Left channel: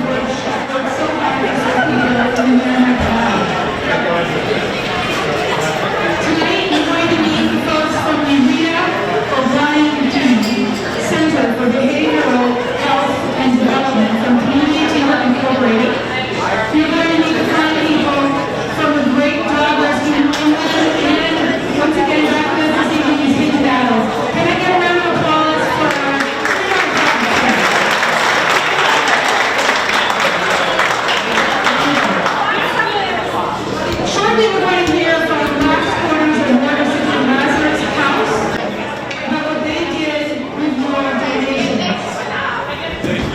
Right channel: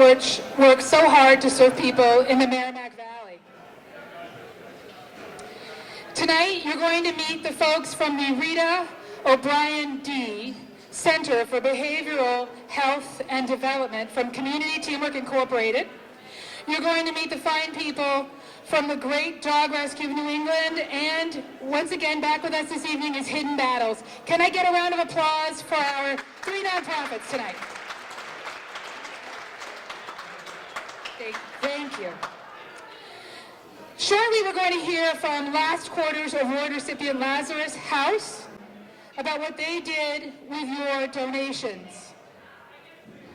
which work so hard to serve people in the community. Tonight, we're going to meet folks from the Center for Behavioral Health and Development from Community Team Incorporated. We're going to meet fine people from the great Douglas movement and from the CDC battle. Can I get a round of applause for shortly we're going to hear from Max Corns and Nurse in the Master's House about what they did with your donations. Please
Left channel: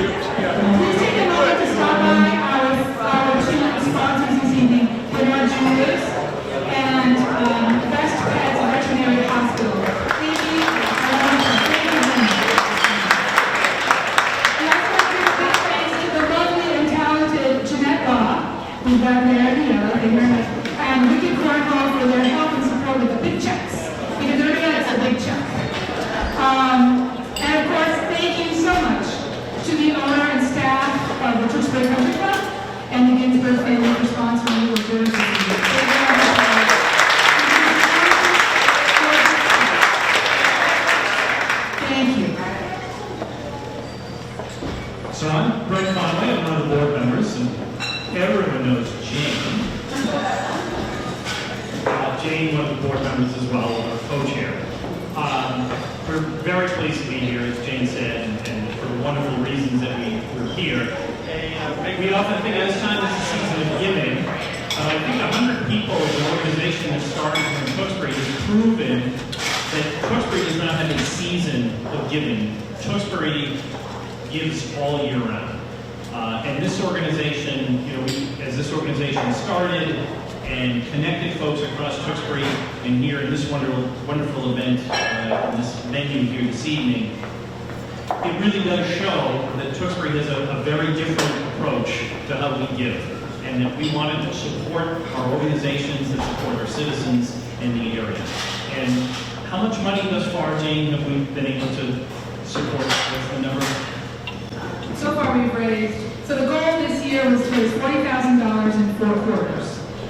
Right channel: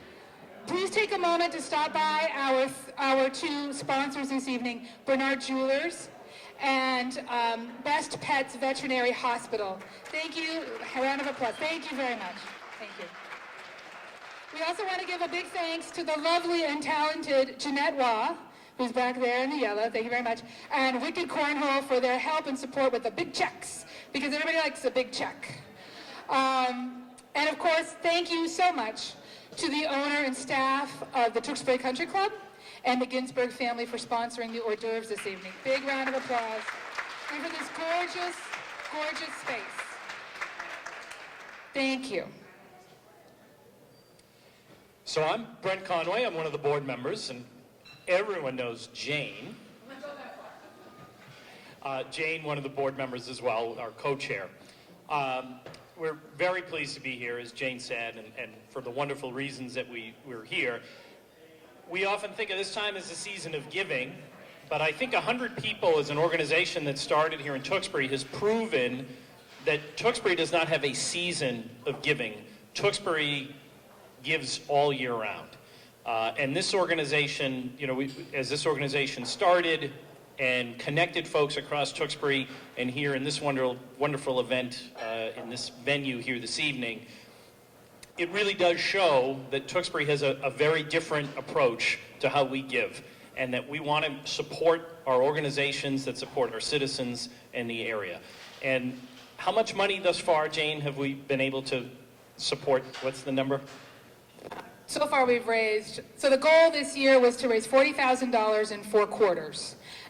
take a look at the spotlight of our student sponsors meeting, the graduates, and that's Veterinary Hospital. Thank you. Thanks to the lovely and talented Jeanette Baugh, who's out there, and Ricky Cornwall for their help and support with the big checks, because everybody gets a big check. And of course, thank you so much to the owner and staff of the Tewksbury Country Club and their family responsibility with your Thank you. So I'm Brian Conway, I'm one of the board members, and everyone knows Jane. Jane, one of the board members as well, our co-chair. We're very pleased to be here, as Jane said, and for wonderful reasons that we're here. And we often think that's not the season of giving. I think 100 people in the organization that started from Tewksbury has proven that Tewksbury does not have a season of giving. Tewksbury gives all year round. And this organization, as this organization started and connected folks across Tewksbury and here in this wonderful event, this venue here this evening, it really does show that Tewksbury has a very different approach to how we give. And that we want to support our organizations and support our citizens in the area. And how much money thus far, Jane, have we been able to support the number? So far we've raised, so the goal this year was to raise $40,000 in 4 quarters.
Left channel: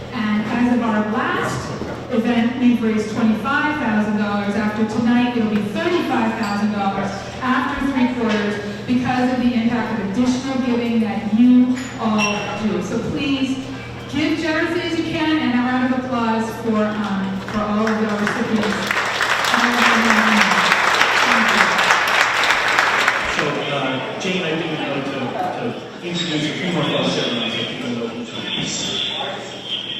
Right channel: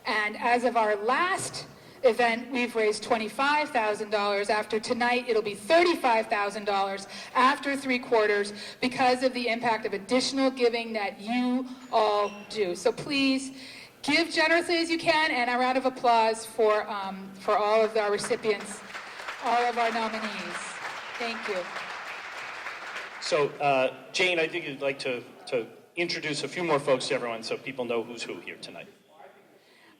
And as of our last event, we've raised $25,000. After tonight, it'll be $35,000 after 3 quarters because of the impact of additional giving that you all do. So please give generously as you can, and a round of applause for all of the recipients. So, Jane, I think we'd like to introduce a few more folks so people know who's who.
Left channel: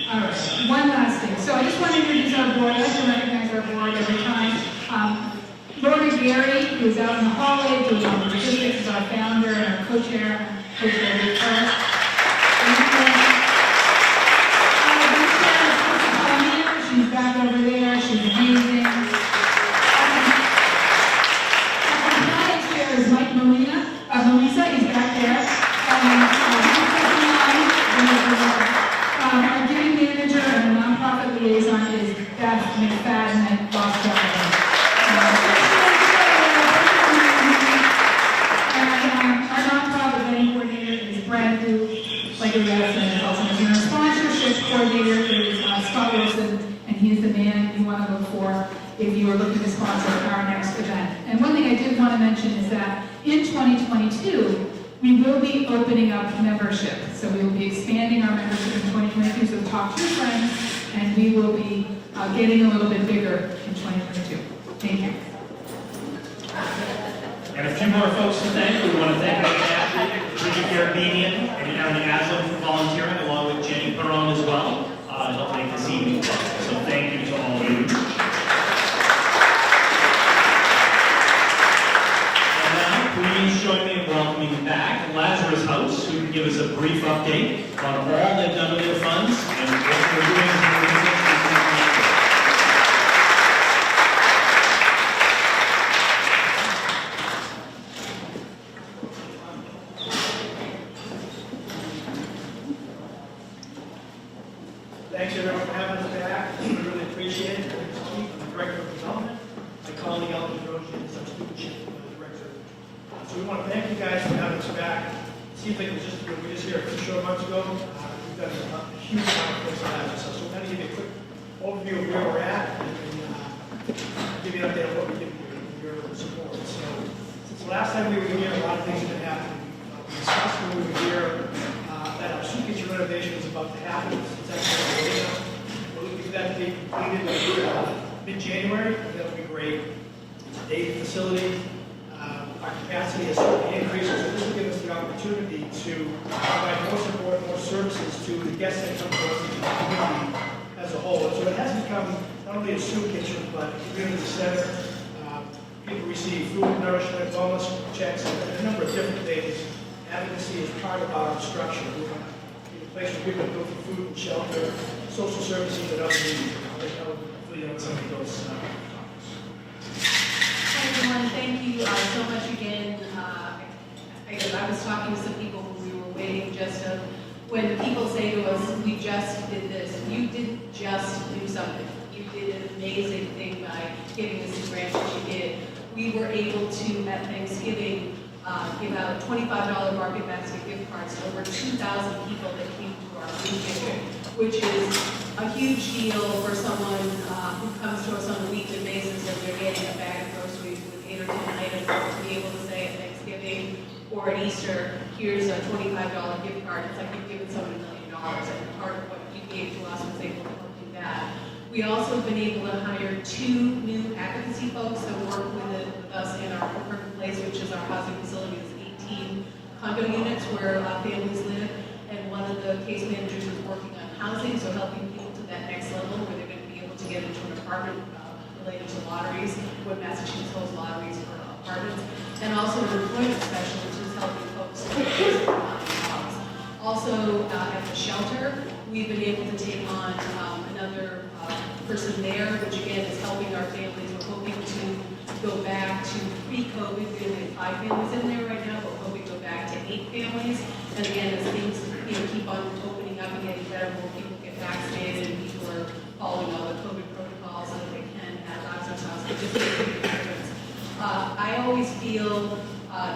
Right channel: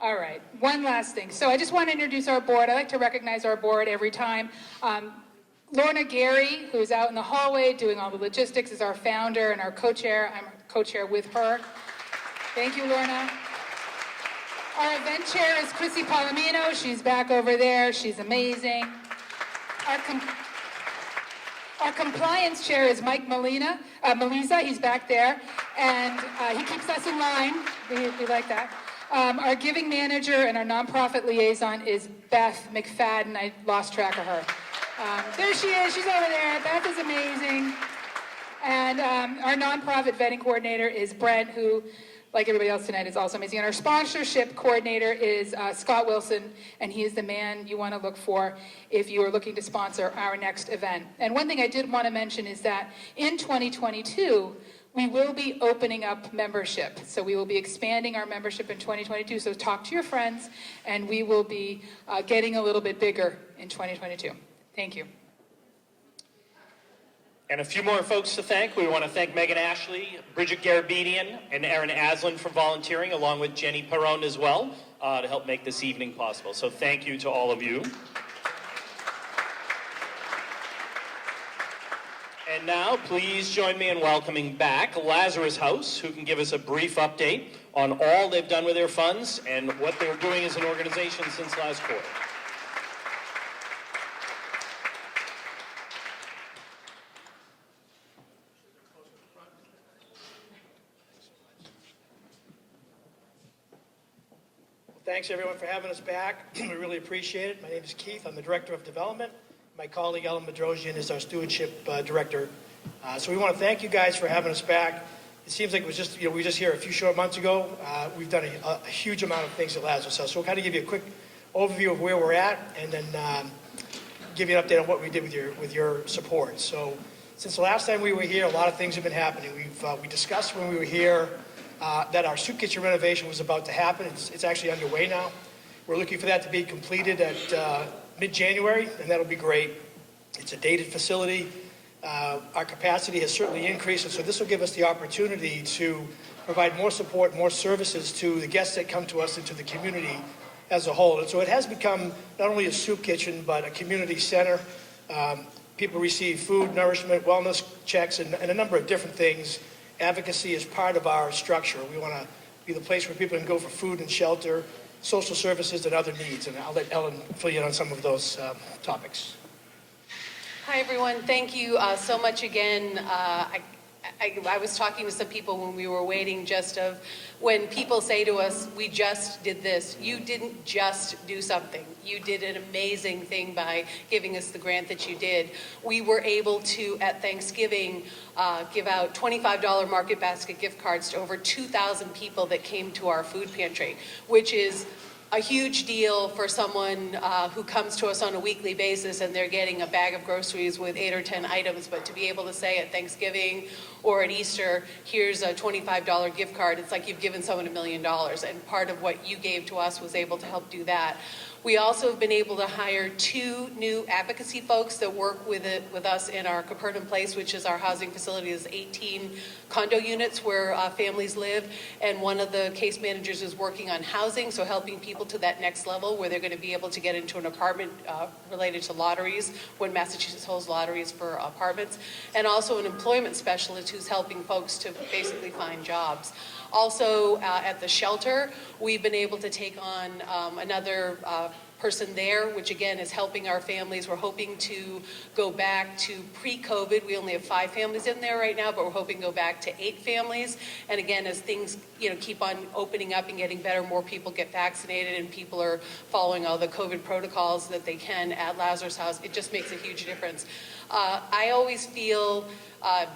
All right, one last thing. So I just want to introduce our board. I like to recognize our board every time. Lori Jerry, who is out in the hallway doing all the logistics, is our founder and our co-chair. Co-chair with her. Thank you. The chair is Lizzie Palomino. She's back over there. She's amazing. Our compliance chair is Mike Molina. Melissa, he's back there. And our giving manager and our nonprofit liaison is Beth McFadden, and lost track of her. And our nonprofit vetting coordinator is Brad, who, like everybody else, is also our sponsorship coordinator is Scott Wilson, and he's the man you want to look for if you are looking to sponsor our next event. And one thing I did want to mention is that in 2022, we will be opening up membership. So we will be expanding our membership in 2022. So talk to your friends, and we will be getting a little bit bigger in 2022. Thank you. And a few more folks to thank. We want to thank Richard Carabinian and Aaron Azzel for volunteering, along with Jenny Perron as well, to help make this evening possible. So thank you to all of you. And now, please join me in welcoming back Lazarus House, who will give us a brief update on all they've done with their funds and what they're doing as an organization. Thanks everyone for having us back. We really appreciate it. This is Keith, I'm the Director of Development. My colleague Ellen Pedrosian is our Stewardship Director. So we want to thank you guys for having us back. it seems like it was just, we just here a few short months ago. We've done a huge amount of things at Lazarus House. So we'll kind of give you a quick overview of where we're at, and then give you an update on what we did with your support. So since the last time we were here, a lot of things have been happening. We discussed when we were here that our soup kitchen renovation is about to happen. It's actually underway now. We're looking for that to be completed at mid-January, and that'll be great. It's a dated facility. Our capacity has certainly increased, so this will give us the opportunity to provide more support, more services to the guests that come to us and to the community as a whole. And so it has become not only a soup kitchen, but a community center. People receive food, nourishment, wellness checks, and a number of different things. Advocacy is part of our structure. We want to be the place where people can go for food and shelter, social services, and other needs. And I'll let Ellen fill you in on some of those topics. Hi everyone, thank you so much again. I was talking with some people when we were waiting just of when people say to us, we just did this. You didn't just do something. You did an amazing thing by giving us the grant that you did. We were able to, at Thanksgiving, give out $25 market basket gift cards to over 2,000 people that came to our food pantry, which is a huge deal for someone who comes to us on a weekly basis and they're getting a bag of groceries with 8 or 10 items, but to be able to say at Thanksgiving or at Easter, here's a $25 gift card, it's like you've given someone $1 million, and part of what you gave to us was able to help do that. We also have been able to hire 2 new advocacy folks that work with us in our Capernaum Place, which is our housing facility. There's 18 condo units where families live, and one of the case managers is working on housing, so helping people to that next level where they're going to be able to get into an apartment related to lotteries when Massachusetts holds lotteries for apartments, and also an employment specialist who's helping folks to basically find jobs. Also at the shelter, we've been able to take on another person there, which again is helping our families. We're hoping to go back to pre-COVID. We only have 5 families in there right now, but we're hoping to go back to 8 families. And again, as things keep on opening up and getting better, more people get vaccinated and people are following all the COVID protocols that they can at Lazarus House, it just makes a huge difference. I always feel,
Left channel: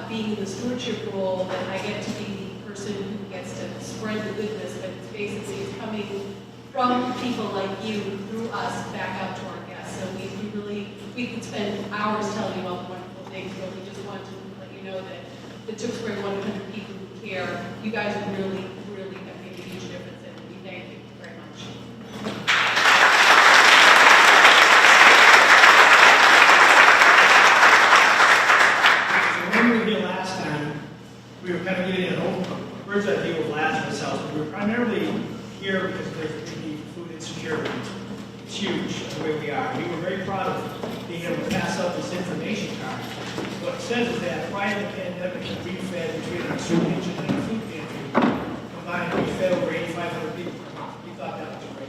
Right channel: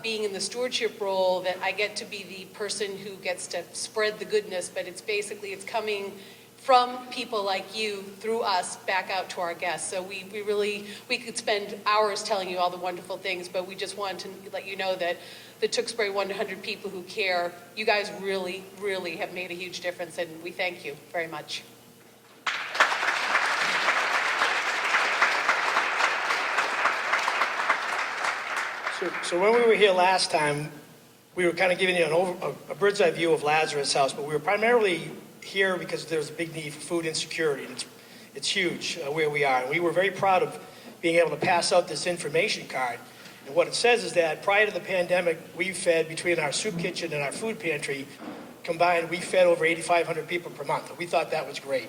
being in the stewardship role, that I get to be the person who gets to spread the goodness, but it's coming from people like you, through us, back out to our guests. So we could spend hours telling you all the wonderful things, but we just want to let you know that the Tewksbury 100 people who care, you guys really, really have made a huge difference, and we thank you very much. So when we were here last time, we were kind of giving you a bird's eye view of Lazarus House, but we were primarily here because there's a big need for food insecurity. It's huge where we are. We were very proud of being able to pass out this information card. What it says is that prior to the pandemic, we fed, between our soup kitchen and our food pantry, combined, we fed over 8,500 people per month. We thought that was great.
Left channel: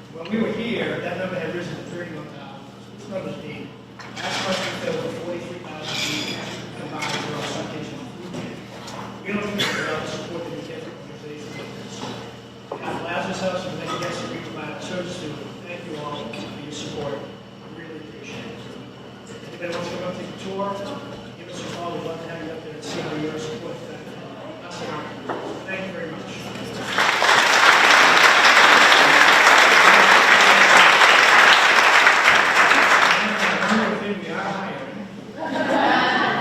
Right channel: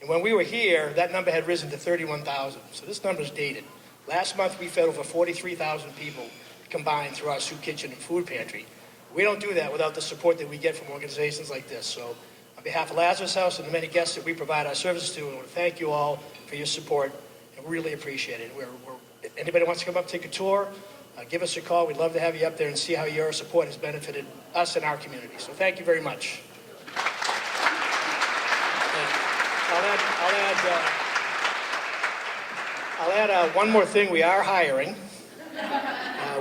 And when we were here, that number had risen to 31,000. So this number's dated. Last month, we fed over 43,000 people combined through our soup kitchen and food pantry. We don't do that without the support that we get from organizations like this. So on behalf of Lazarus House and the many guests that we provide our service to, thank you all for your support. We really appreciate it. If anybody wants to come up and take a tour, give us a call. We'd love to have you up there and see how your support has benefited us and our community. So thank you very much. And one more thing, we are hiring.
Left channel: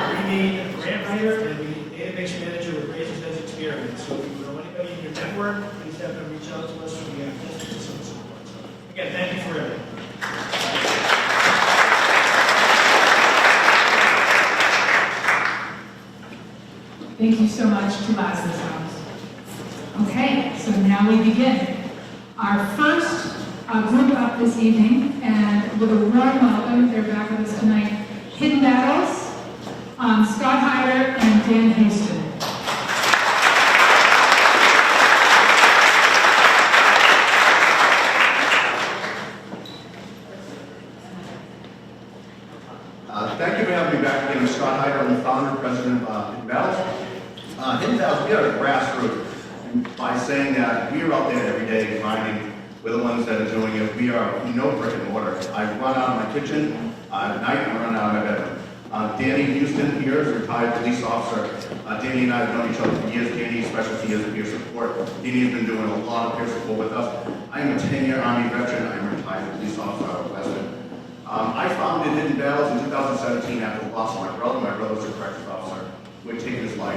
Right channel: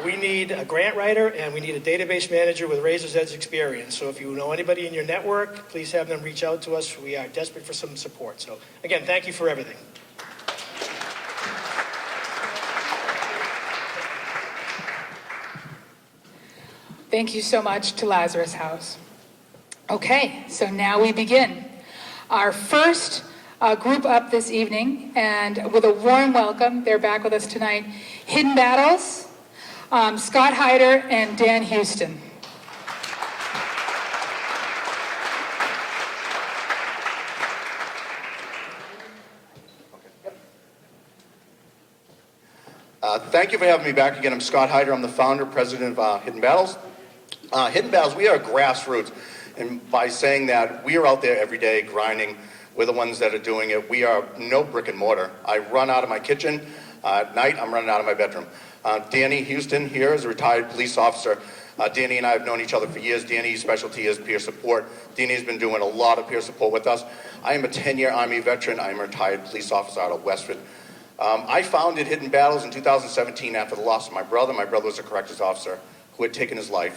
We need a grant writer and we need a database manager with Razor's Edge experience. So if you know anybody in your network, please have them reach out to us. We are desperate for some support. So again, thank you for everything. Thank you so much to Lazarus House. Okay, so now we begin. Our first group up this evening, and with a warm welcome, they're back with us tonight, Hidden Battles, Scott Hyder and Dan Houston. Thank you for having me back again. I'm Scott Hyder. I'm the founder and president of Hidden Battles. Hidden Battles, we are grassroots, and by saying that, we are out there every day grinding. We're the ones that are doing it. We are no brick and mortar. I run out of my kitchen. At night, I'm running out of my bedroom. Danny Houston here is a retired police officer. Danny and I have known each other for years. Danny's specialty is peer support. Danny's been doing a lot of peer support with us. I am a 10-year Army veteran. I am a retired police officer out of Westford. I founded Hidden Battles in 2017 after the loss of my brother. My brother was a corrections officer who had taken his life.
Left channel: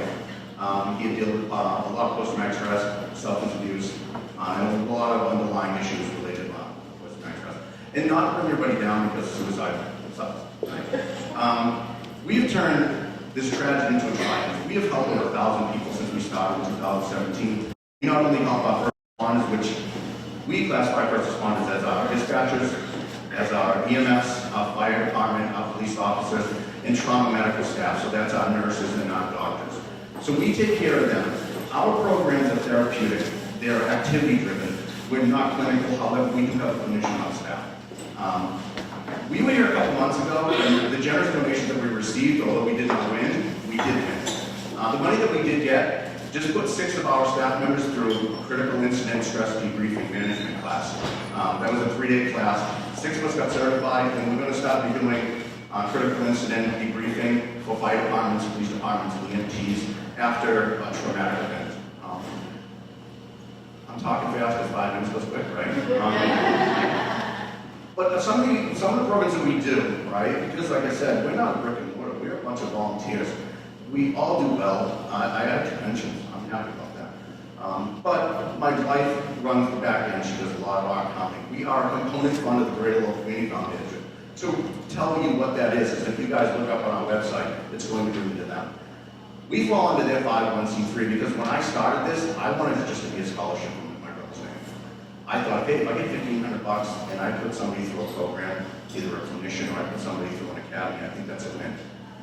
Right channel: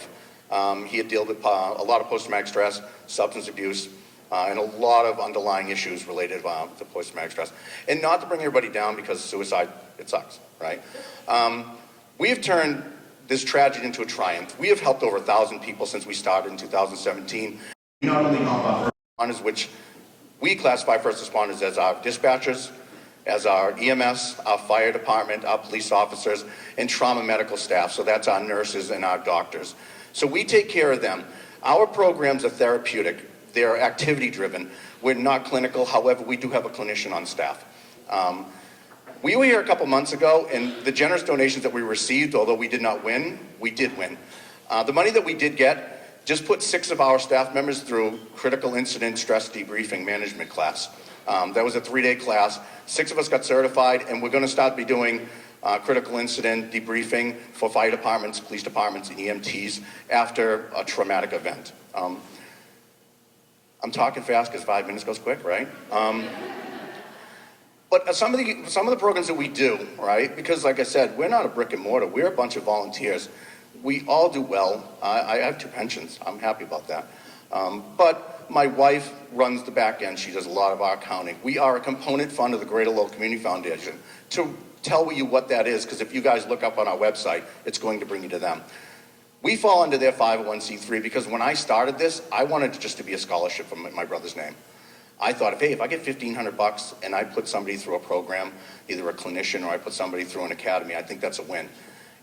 He had dealt with a lot of post-traumatic stress, substance abuse, and a lot of underlying issues related to post-traumatic stress. And not to bring everybody down because suicide, it sucks, right? We have turned this tragedy into a triumph. We have helped over 1,000 people since we started in 2017. We not only help our first responders, which we classify first responders as our dispatchers, as our EMS, our fire department, our police officers, and trauma medical staff. So that's our nurses and our doctors. So we take care of them. Our programs are therapeutic. They are activity driven. We're not clinical, however, we do have a clinician on staff. We were here a couple months ago, and the generous donations that we received, although we did not win, we did win. The money that we did get just put 6 of our staff members through critical incident stress debriefing management class. That was a 3-day class. 6 of us got certified, and we're going to start to be doing critical incident debriefing for fire departments, police departments, and EMTs after a traumatic event. I'm talking fast because 5 minutes goes quick, right? But some of the programs that we do, right, because like I said, we're not a brick and mortar, we're a bunch of volunteers. We all do well. I have 2 pensions, I'm happy about that. But my wife runs the back end, she does a lot of our accounting. We are a component fund of the Greater Lowell Community Foundation. To tell you what that is, because if you guys look up on our website, it's going to bring you to them. We fall under their 501c3 because when I started this, I wanted it just to be a scholarship in my brother's name. I thought, hey, if I get $1,500 and I put somebody through a program, either a clinician or I put somebody through an academy, I think that's a win.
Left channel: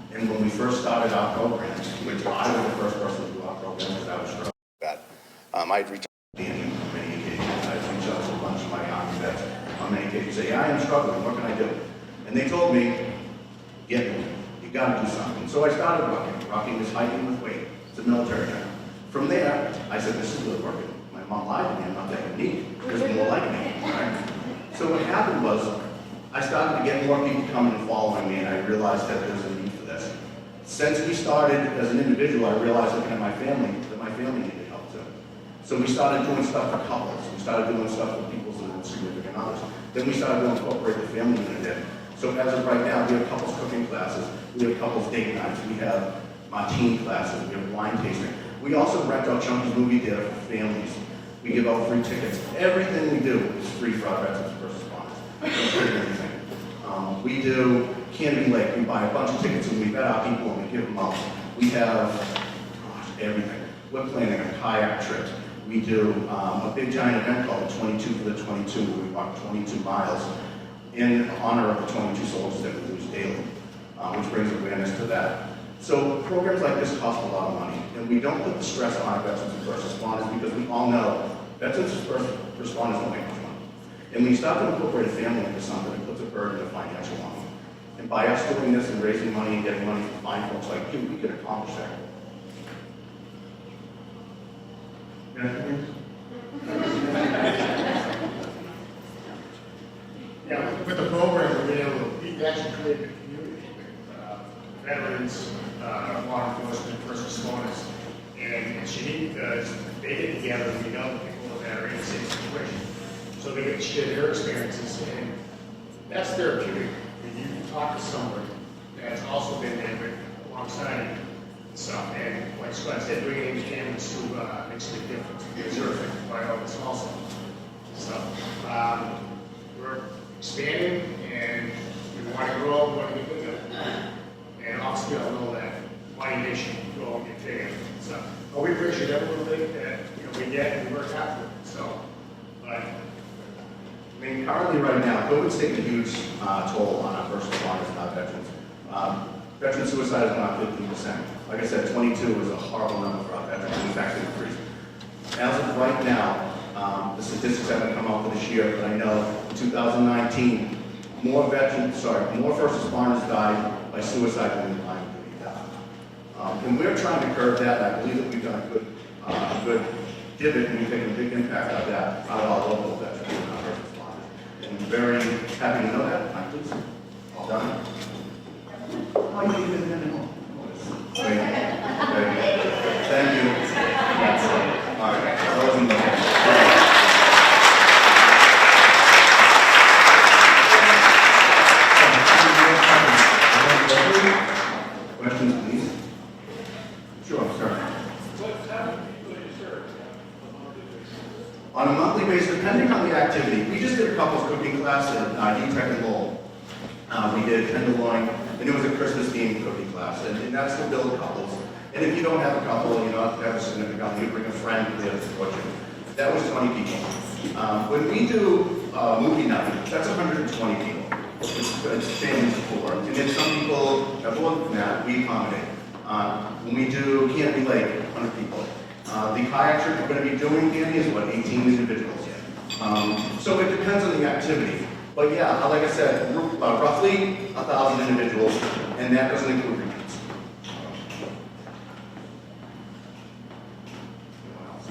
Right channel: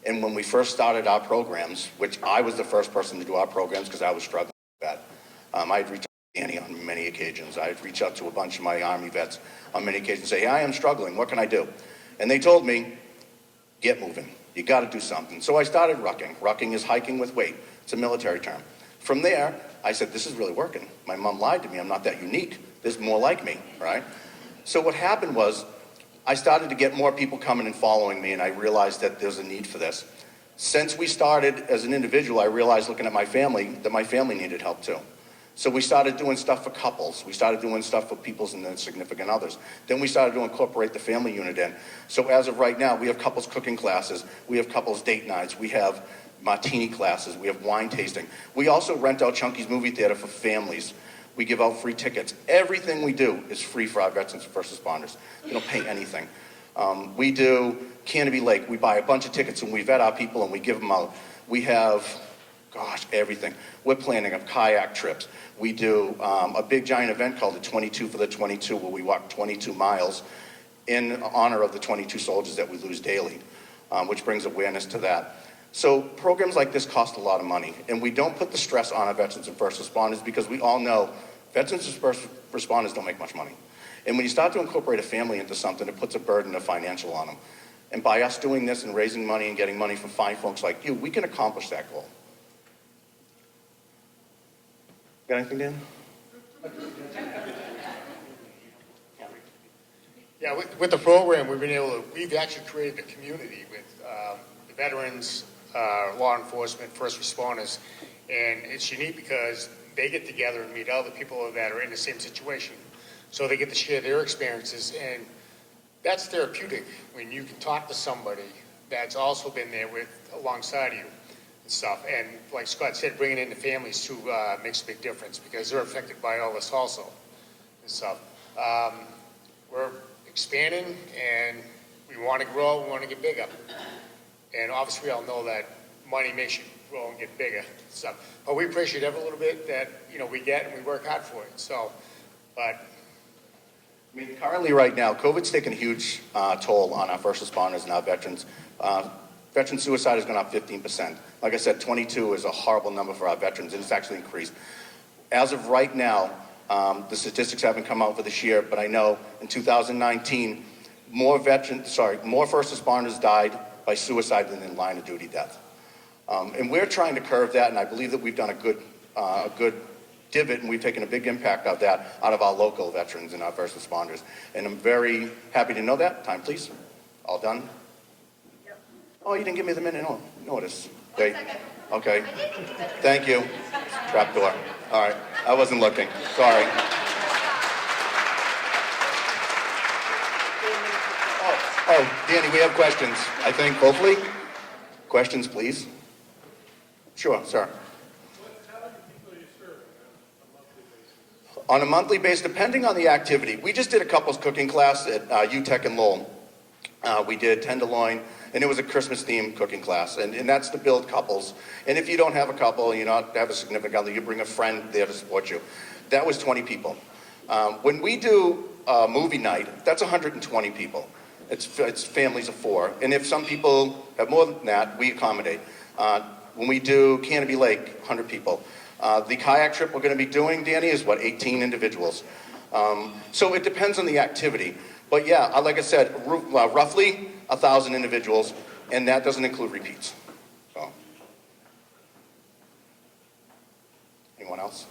And when we first started our programs, which I was the first person to do our programs because I was struggling with that, I'd reach out to Danny on many occasions. I'd reach out to a bunch of my Army vets on many occasions and say, I am struggling, what can I do? And they told me, get moving, you gotta do something. So I started rucking. Rucking is hiking with weight. It's a military term. From there, I said, this is really working. My mom lied to me, I'm not that unique. There's more like me, right? So what happened was, I started to get more people coming and following me, and I realized that there's a need for this. Since we started as an individual, I realized looking at my family, that my family needed help too. So we started doing stuff for couples. We started doing stuff for people's and significant others. Then we started to incorporate the family unit in. So as of right now, we have couples cooking classes. We have couples date nights. We have martini classes. We have wine tasting. We also rent out Chunky's movie theater for families. We give out free tickets. Everything we do is free for our veterans and first responders. We don't pay anything. We do Canopy Lake. We buy a bunch of tickets and we vet our people and we give them out. We have, everything. We're planning a kayak trip. We do a big giant event called 22 for the 22, where we walk 22 miles in honor of the 22 soldiers that we lose daily, which brings awareness to that. So programs like this cost a lot of money, and we don't put the stress on our veterans and first responders because we all know veterans and first responders don't make much money. And when you start to incorporate a family into something, it puts a burden of financial on them. And by us doing this and raising money and getting money for fine folks like you, we can accomplish that goal. Got anything, Dan? Yeah, with the program, we've actually created a community with veterans, law enforcement, first responders, and it's unique because they get together and meet other people that are in the same situation. So they get to share their experiences, and that's therapeutic. When you can talk to somebody that's also been there alongside you, stuff, and like Scott said, bringing in the families to makes a big difference because they're affected by all this also. So we're expanding, and we want to grow, we want to get bigger. And obviously, we all know that money makes you grow and get bigger. So, but we appreciate every little bit that we get and we work hard for it. So, but currently right now, COVID's taken a huge toll on our first responders and our veterans. Veteran suicide has gone up 15%. Like I said, 22 is a horrible number for our veterans. It's actually increased. As of right now, the statistics haven't come out for this year, but I know in 2019, more first responders died by suicide than in line of duty death. And we're trying to curb that, and I believe that we've done a good divot. We've taken a big impact of that out of our local veterans and our first responders. And I'm very happy to know that. Time, please. All done. Oh, you didn't give me the minute notice. There you go. Okay. Thank you. Trap door. All right. I wasn't looking. Sorry. Oh, we have questions. I think hopefully. Questions, please. Sure, sir. On a monthly basis, depending on the activity. We just did a couples cooking class at UTech and Lowell. We did tenderloin, and it was a Christmas-themed cooking class, and that's to build couples. And if you don't have a couple, you don't have a significant other, you can bring a friend there to support you. That was 20 people. When we do movie night, that's 120 people. It's families of 4. And if some people have more than that, we accommodate. When we do Canopy Lake, 100 people. The kayak trip we're going to be doing, Danny, is 18 individuals. So it depends on the activity. But yeah, like I said, roughly 1,000 individuals, and that doesn't include repeats. Anyone else?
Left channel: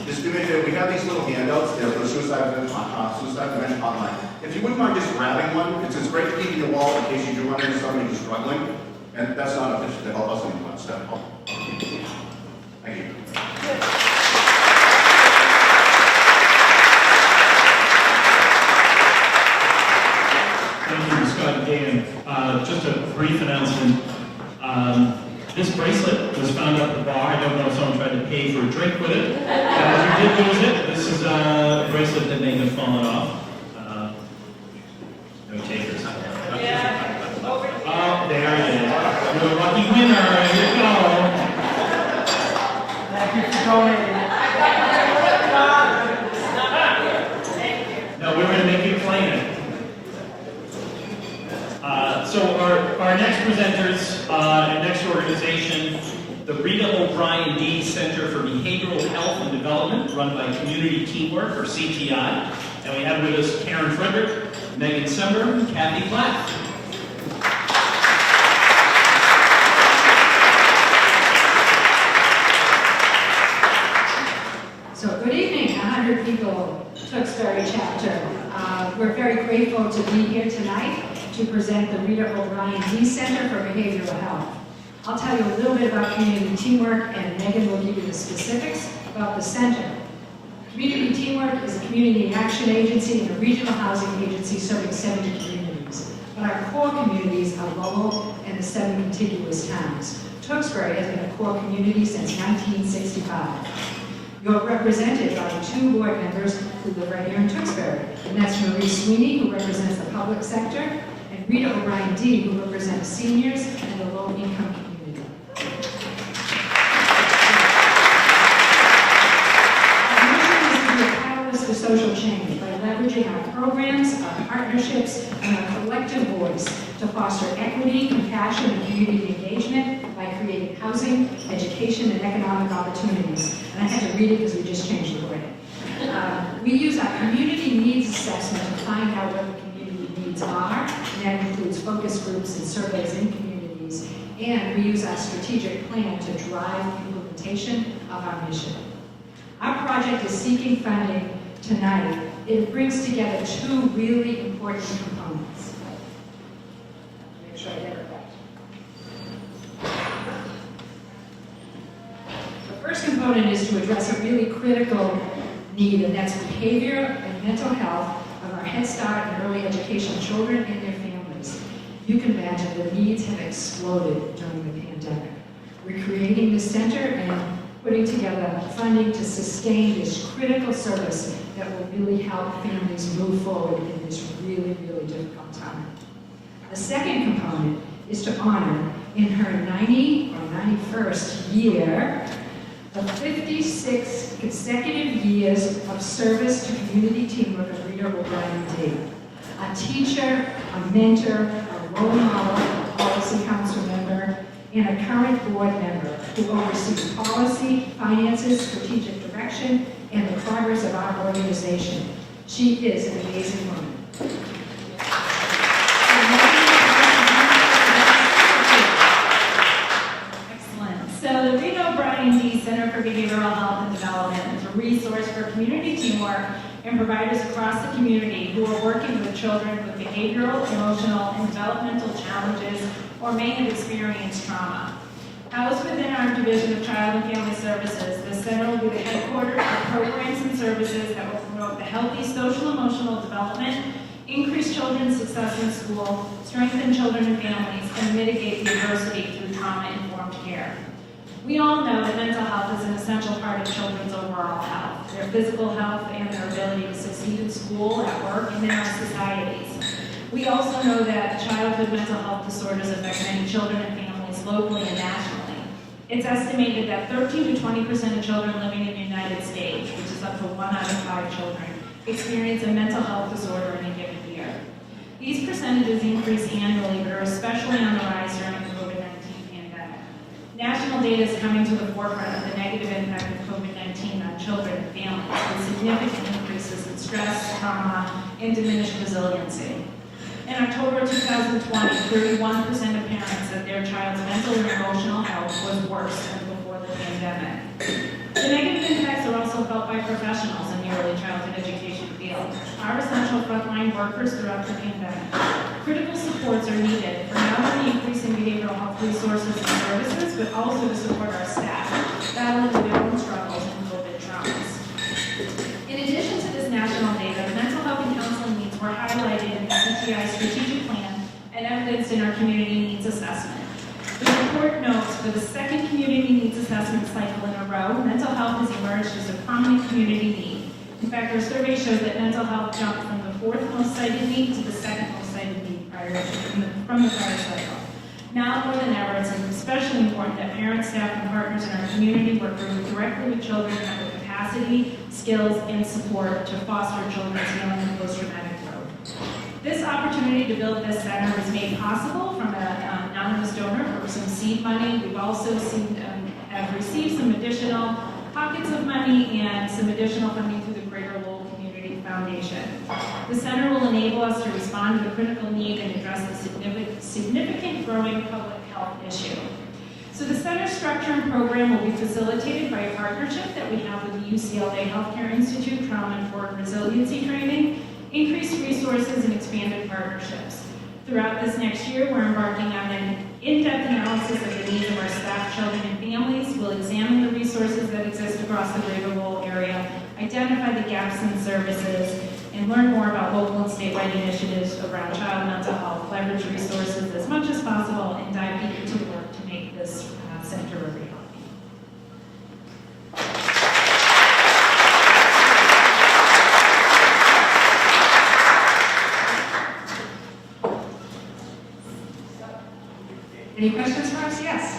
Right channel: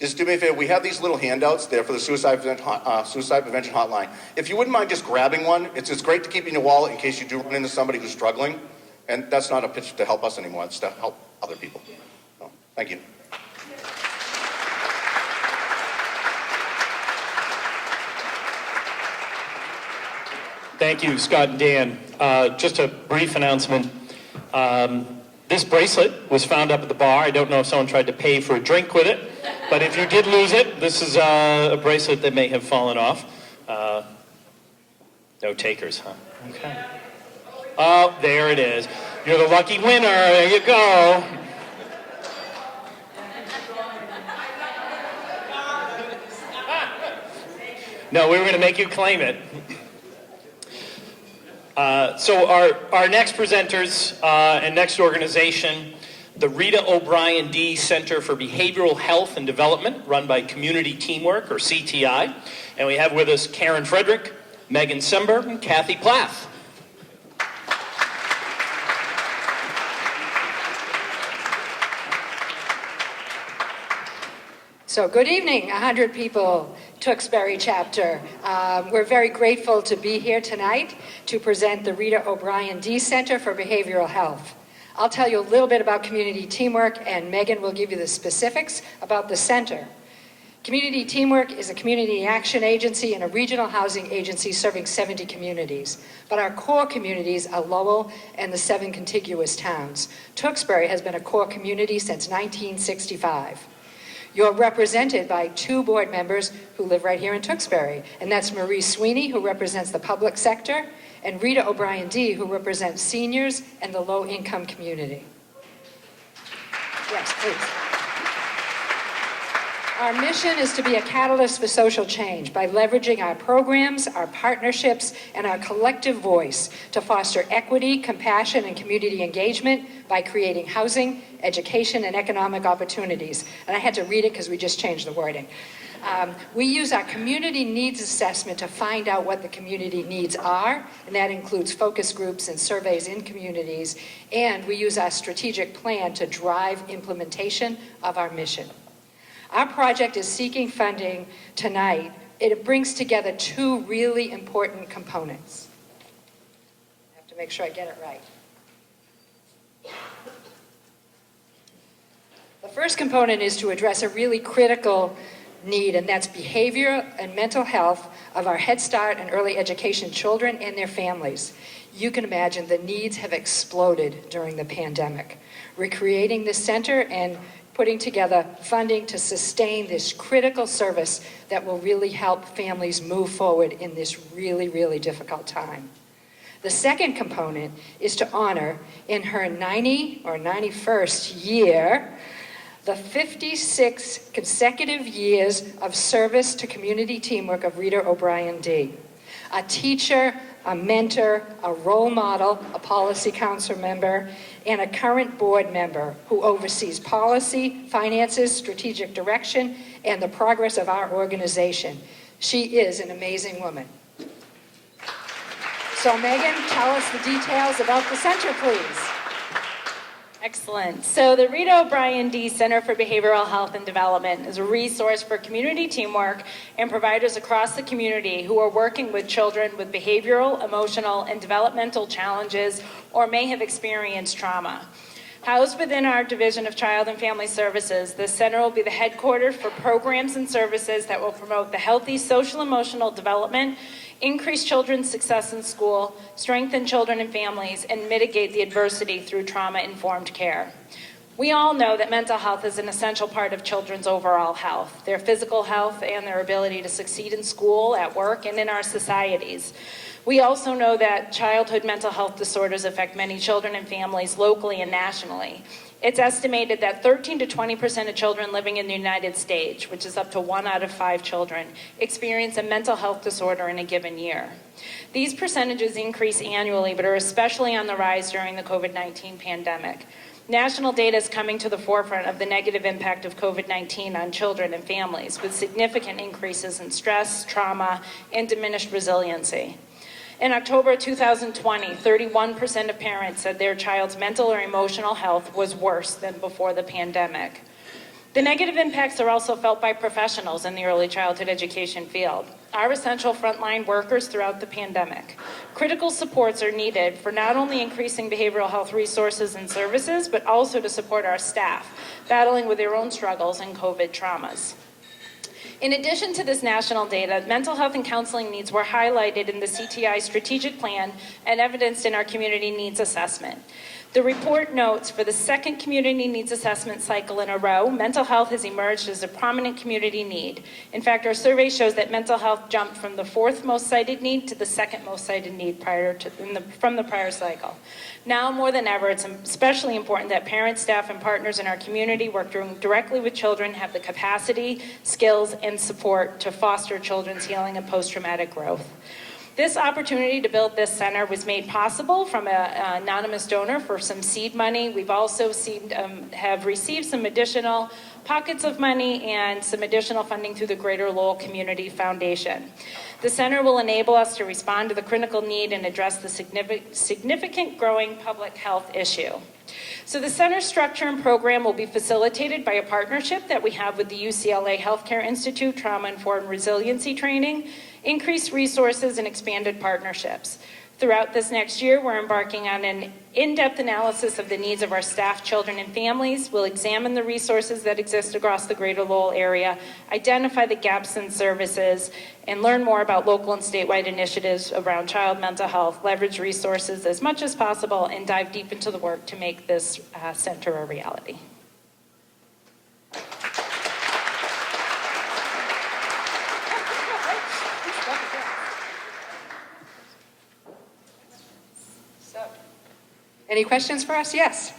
Just do me a favor, we have these little handouts there for the suicide prevention hotline. If you wouldn't mind just grabbing one, it's great to keep in your wallet in case you do run into somebody who's struggling. And that's not a pitch to help us anymore, it's to help other people. So, thank you. Thank you, Scott and Dan. Just a brief announcement. This bracelet was found up at the bar. I don't know if someone tried to pay for a drink with it, but if you did lose it, this is a bracelet that may have fallen off. No takers. Oh, there it is. You're the lucky winner. There you go. No, we were going to make you claim it. So our next presenters and next organization, the Rita O'Brien D. Center for Behavioral Health and Development, run by Community Teamwork, or CTI. And we have with us Karen Frederick, Megan Sember, and Kathy Plath. So good evening, 100 people, Tewksbury chapter. We're very grateful to be here tonight to present the Rita O'Brien D. Center for Behavioral Health. I'll tell you a little bit about Community Teamwork, and Megan will give you the specifics about the center. Community Teamwork is a community action agency and a regional housing agency serving 70 communities. But our core communities are Lowell and the 7 contiguous towns. Tewksbury has been a core community since 1965. You're represented by 2 board members who live right here in Tewksbury, and that's Marie Sweeney, who represents the public sector, and Rita O'Brien D., who represents seniors and the low-income community. Our mission is to be a catalyst for social change by leveraging our programs, our partnerships, and our collective voice to foster equity, compassion, and community engagement by creating housing, education, and economic opportunities. And I had to read it because we just changed the wording. We use our community needs assessment to find out what the community needs are. And that includes focus groups and surveys in communities. And we use our strategic plan to drive implementation of our mission. Our project is seeking funding tonight. It brings together 2 really important components. I have to make sure I get it right. The first component is to address a really critical need, and that's behavior and mental health of our Head Start and early education children and their families. You can imagine the needs have exploded during the pandemic. We're creating this center and putting together funding to sustain this critical service that will really help families move forward in this really, really difficult time. The second component is to honor, in her 90 or 91st year, the 56 consecutive years of service to community teamwork of Rita O'Brien D. A teacher, a mentor, a role model, a policy council member, and a current board member who oversees policy, finances, strategic direction, and the progress of our organization. She is an amazing woman. So Megan, tell us the details about the center, please. Excellent. Excellent. So the Rita O'Brien D Center for Behavioral Health and Development is a resource for community teamwork and providers across the community who are working with children with behavioral, emotional, and developmental challenges or may have experienced trauma. Housed within our Division of Child and Family Services, this center will be the headquarters for programs and services that will promote the healthy social-emotional development, increase children's success in school, strengthen children and families, and mitigate the adversity through trauma-informed care. We all know that mental health is an essential part of children's overall health, their physical health and their ability to succeed in school, at work, and in our societies. We also know that childhood mental health disorders affect many children and families locally and nationally. It's estimated that 13 to 20% of children living in the United States, which is up to 1 out of 5 children, experience a mental health disorder in a given year. These percentages increase annually, but are especially on the rise during the COVID-19 pandemic. National data is coming to the forefront of the negative impact of COVID-19 on children and families, with significant increases in stress, trauma, and diminished resiliency. In October 2020, 31% of parents said their child's mental or emotional health was worse than before the pandemic. The negative impacts are also felt by professionals in the early childhood education field, our essential frontline workers throughout the pandemic. Critical supports are needed for not only increasing behavioral health resources and services, but also to support our staff, battling with their own struggles and COVID traumas. In addition to this national data, mental health and counseling needs were highlighted in the CTI strategic plan and evidenced in our community needs assessment. The report notes for the second community needs assessment cycle in a row, mental health has emerged as a prominent community need. In fact, our survey shows that mental health jumped from the 4th most cited need to the 2nd most cited need from the prior cycle. Now more than ever, it's especially important that parents, staff, and partners in our community work directly with children, have the capacity, skills, and support to foster children's healing and post-traumatic growth. This opportunity to build this center was made possible from an anonymous donor for some seed money. We've also have received some additional pockets of money and some additional funding through the Greater Lowell Community Foundation. The center will enable us to respond to the critical need and address the significant growing public health issue. So the center structure and program will be facilitated by a partnership that we have with the UCLA Healthcare Institute Trauma-Informed Resiliency Training, increased resources, and expanded partnerships. Throughout this next year, we're embarking on an in-depth analysis of the needs of our staff, children, and families. We'll examine the resources that exist across the Greater Lowell area, identify the gaps in services, and learn more about local and statewide initiatives around child mental health, leverage resources as much as possible, and dive deep into the work to make this center a reality. Any questions for us? Yes.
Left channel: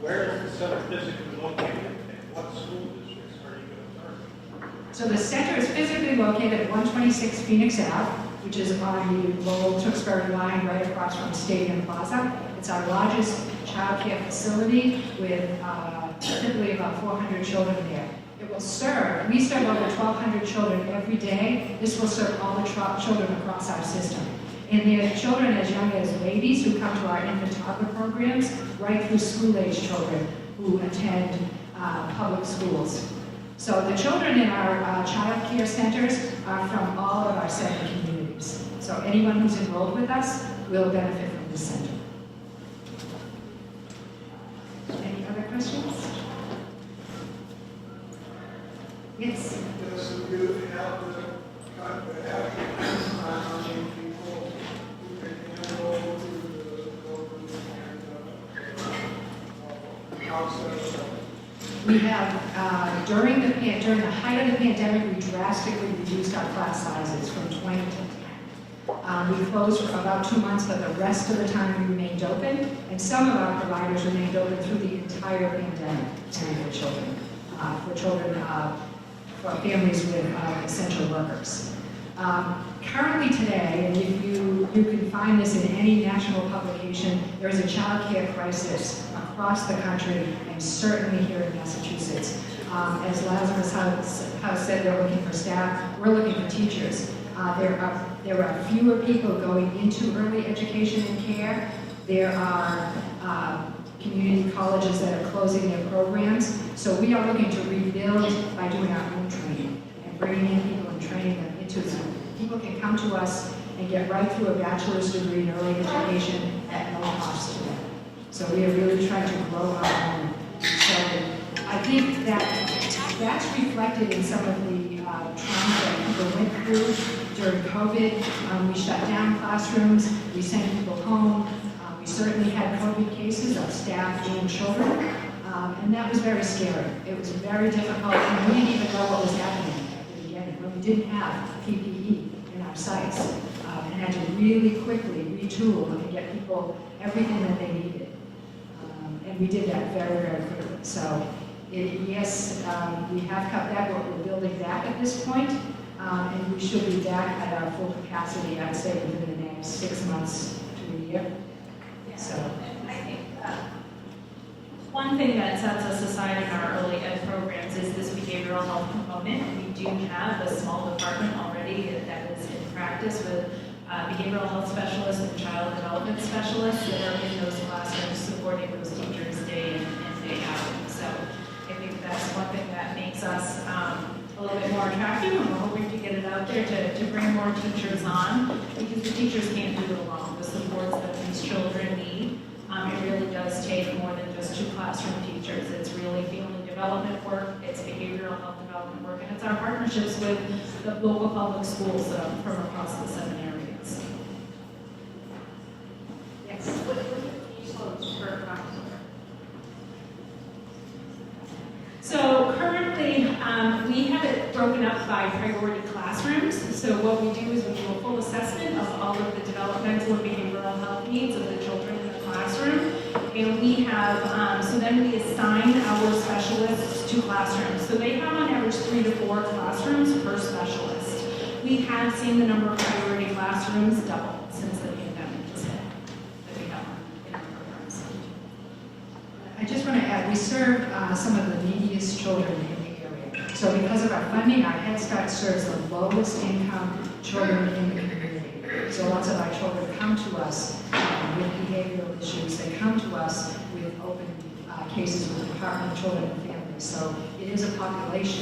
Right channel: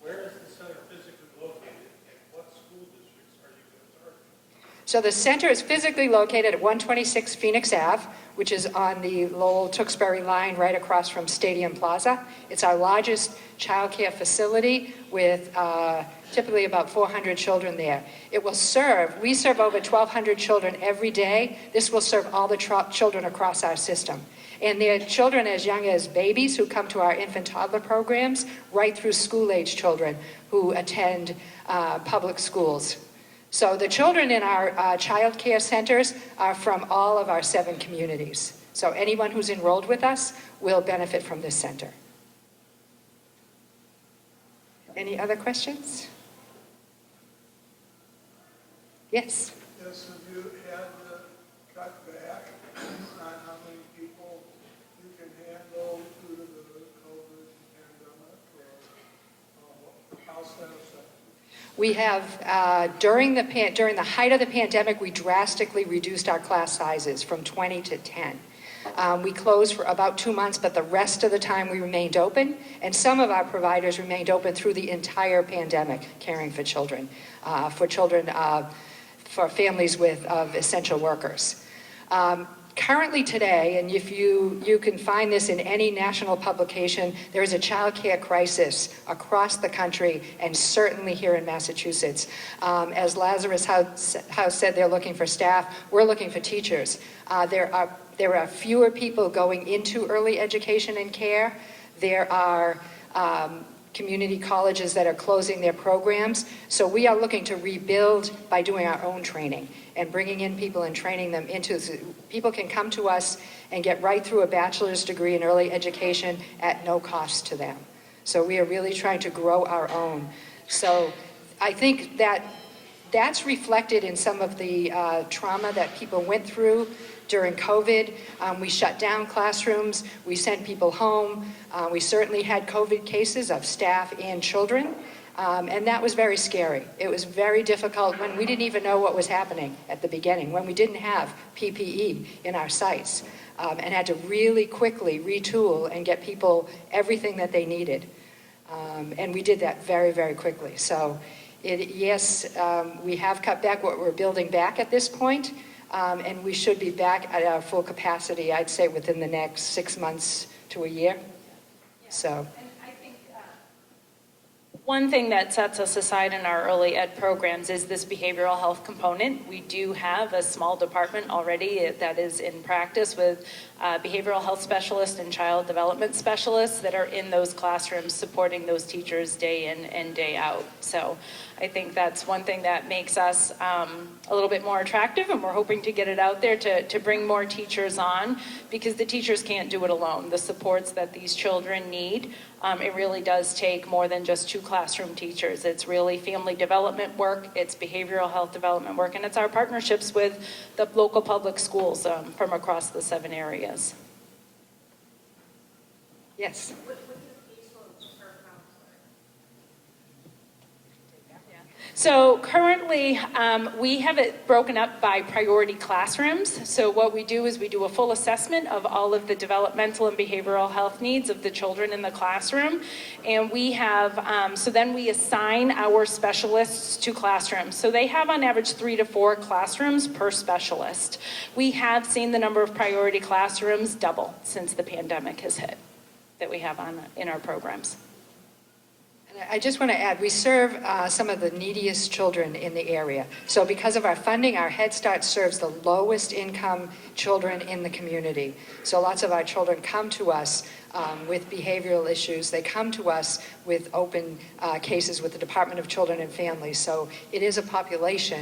Where is the center physically located, and what school districts are you going to target? So the center is physically located at 126 Phoenix Ave, which is on the Lowell-Tewksbury line right across from Stadium Plaza. It's our largest child care facility with typically about 400 children there. It will serve, we serve over 1,200 children every day. This will serve all the children across our system. And they're children as young as babies who come to our infant toddler programs, right through school-age children who attend public schools. So the children in our child care centers are from all of our 7 communities. So anyone who's enrolled with us will benefit from this center. Any other questions? Yes? Yes, you have the people who can handle the process. We have, during the height of the pandemic, we drastically reduced our class sizes from 20 to 10. We closed for about 2 months, but the rest of the time we remained open, and some of our providers remained open through the entire pandemic, caring for children, for families with essential workers. Currently today, and if you can find this in any national publication, there is a child care crisis across the country and certainly here in Massachusetts. As Lazarus House said, they're looking for staff. We're looking for teachers. There are fewer people going into early education and care. There are community colleges that are closing their programs. So we are looking to rebuild by doing our own training and bringing in people and training them into Zoom. People can come to us and get right through a bachelor's degree in early education at no cost to them. So we are really trying to grow our own. So I think that that's reflected in some of the trauma that people went through during COVID. We shut down classrooms, we sent people home. We certainly had COVID cases of staff and children, and that was very scary. It was very difficult, and we didn't even know what was happening at the beginning when we didn't have PPE in our sites, and had to really quickly retool and get people everything that they needed. And we did that very, very quickly. So yes, we have cut back what we're building back at this point, and we should be back at our full capacity, I'd say, within the next 6 months to a year. So. One thing that sets us aside in our early ed programs is this behavioral health component. We do have a small department already that is in practice with behavioral health specialists and child development specialists that are in those classrooms supporting those teachers day in and day out. So I think that's one thing that makes us a little bit more attractive, and we're hoping to get it out there to bring more teachers on, because the teachers can't do it alone. The supports that these children need, it really does take more than just 2 classroom teachers. It's really family development work, it's behavioral health development work, and it's our partnerships with the local public schools from across the 7 areas. Yes. So currently, we have it broken up by priority classrooms. So what we do is we do a full assessment of all of the developmental and behavioral health needs of the children in the classroom. And we have, so then we assign our specialists to classrooms. So they have on average 3 to 4 classrooms per specialist. We have seen the number of priority classrooms double since the pandemic has hit that we have in our programs. I just want to add, we serve some of the neediest children in the area. So because of our funding, our Head Start serves the lowest income children in the community. So lots of our children come to us with behavioral issues. They come to us with open cases with the Department of Children and Families. So it is a population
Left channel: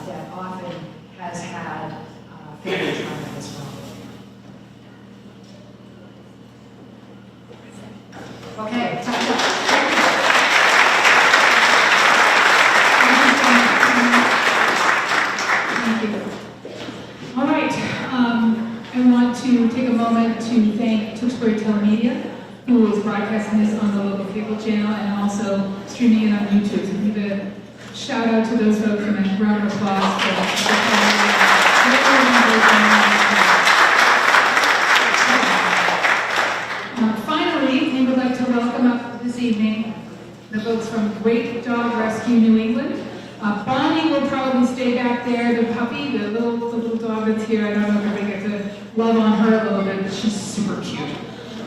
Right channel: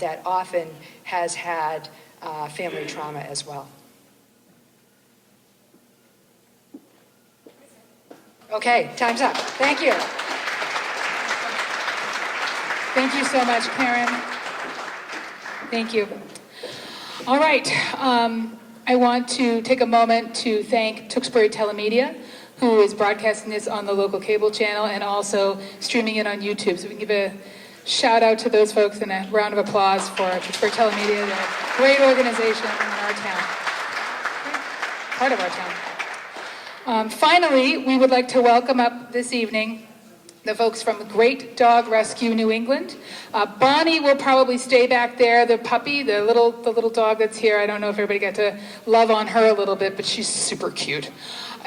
that often has had family trauma as well. Okay, time's up. Thank you. Thank you so much, Karen. Thank you. All right, I want to take a moment to thank Tewksbury Telemedia, who is broadcasting this on the local cable channel and also streaming it on YouTube. So we give a shout out to those folks and a round of applause for Telemedia. Great organization. Finally, we would like to welcome up this evening the folks from Great Dog Rescue New England. Bonnie will probably stay back there, the puppy, the little dog that's here. I don't know if everybody got to love on her a little bit, but she's super cute.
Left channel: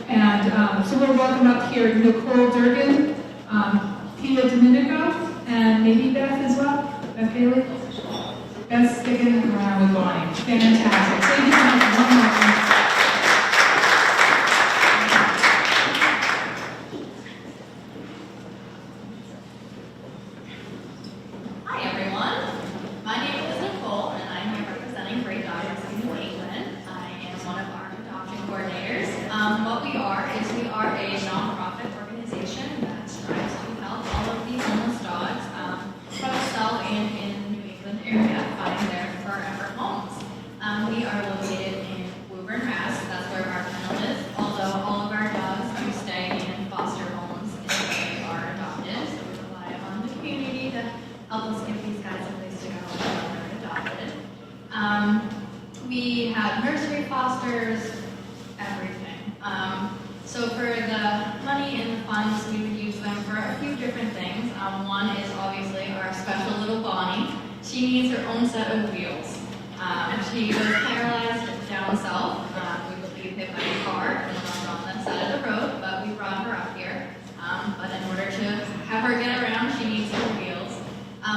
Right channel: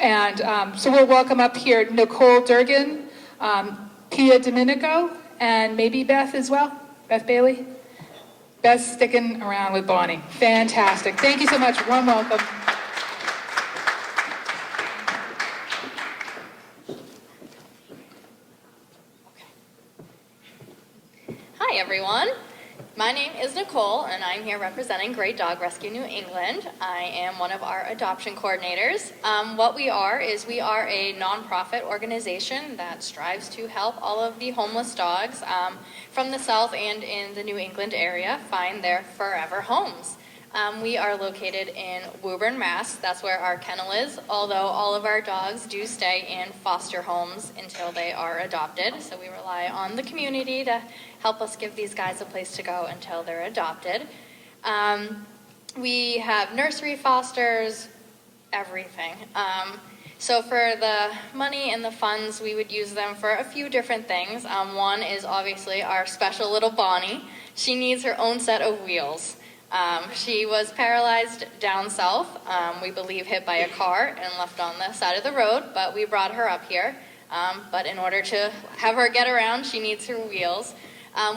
And so we'll welcome up here Nicole Durgan, Pia Domenico, and maybe Beth as well, Beth Bailey. Beth's sticking around with Bonnie. Fantastic. Thank you so much. Warm welcome. Great Dog Rescue New England. I am one of our adoption coordinators. What we are is we are a nonprofit organization that strives to help all of the homeless dogs from the South and in the New England area find their forever homes. We are located in Woburn, Mass. That's where our kennel is, although all of our dogs do stay in foster homes until they are adopted. So we rely on the community to help us give these guys a place to go until they're adopted. We have nursery fosters, everything. So for the money and the funds, we would use them for a few different things. One is obviously our special little Bonnie. She needs her own set of wheels. She was paralyzed down south, we believe hit by a car and left on the side of the road, but we brought her up here. But in order to have her get around, she needs her wheels.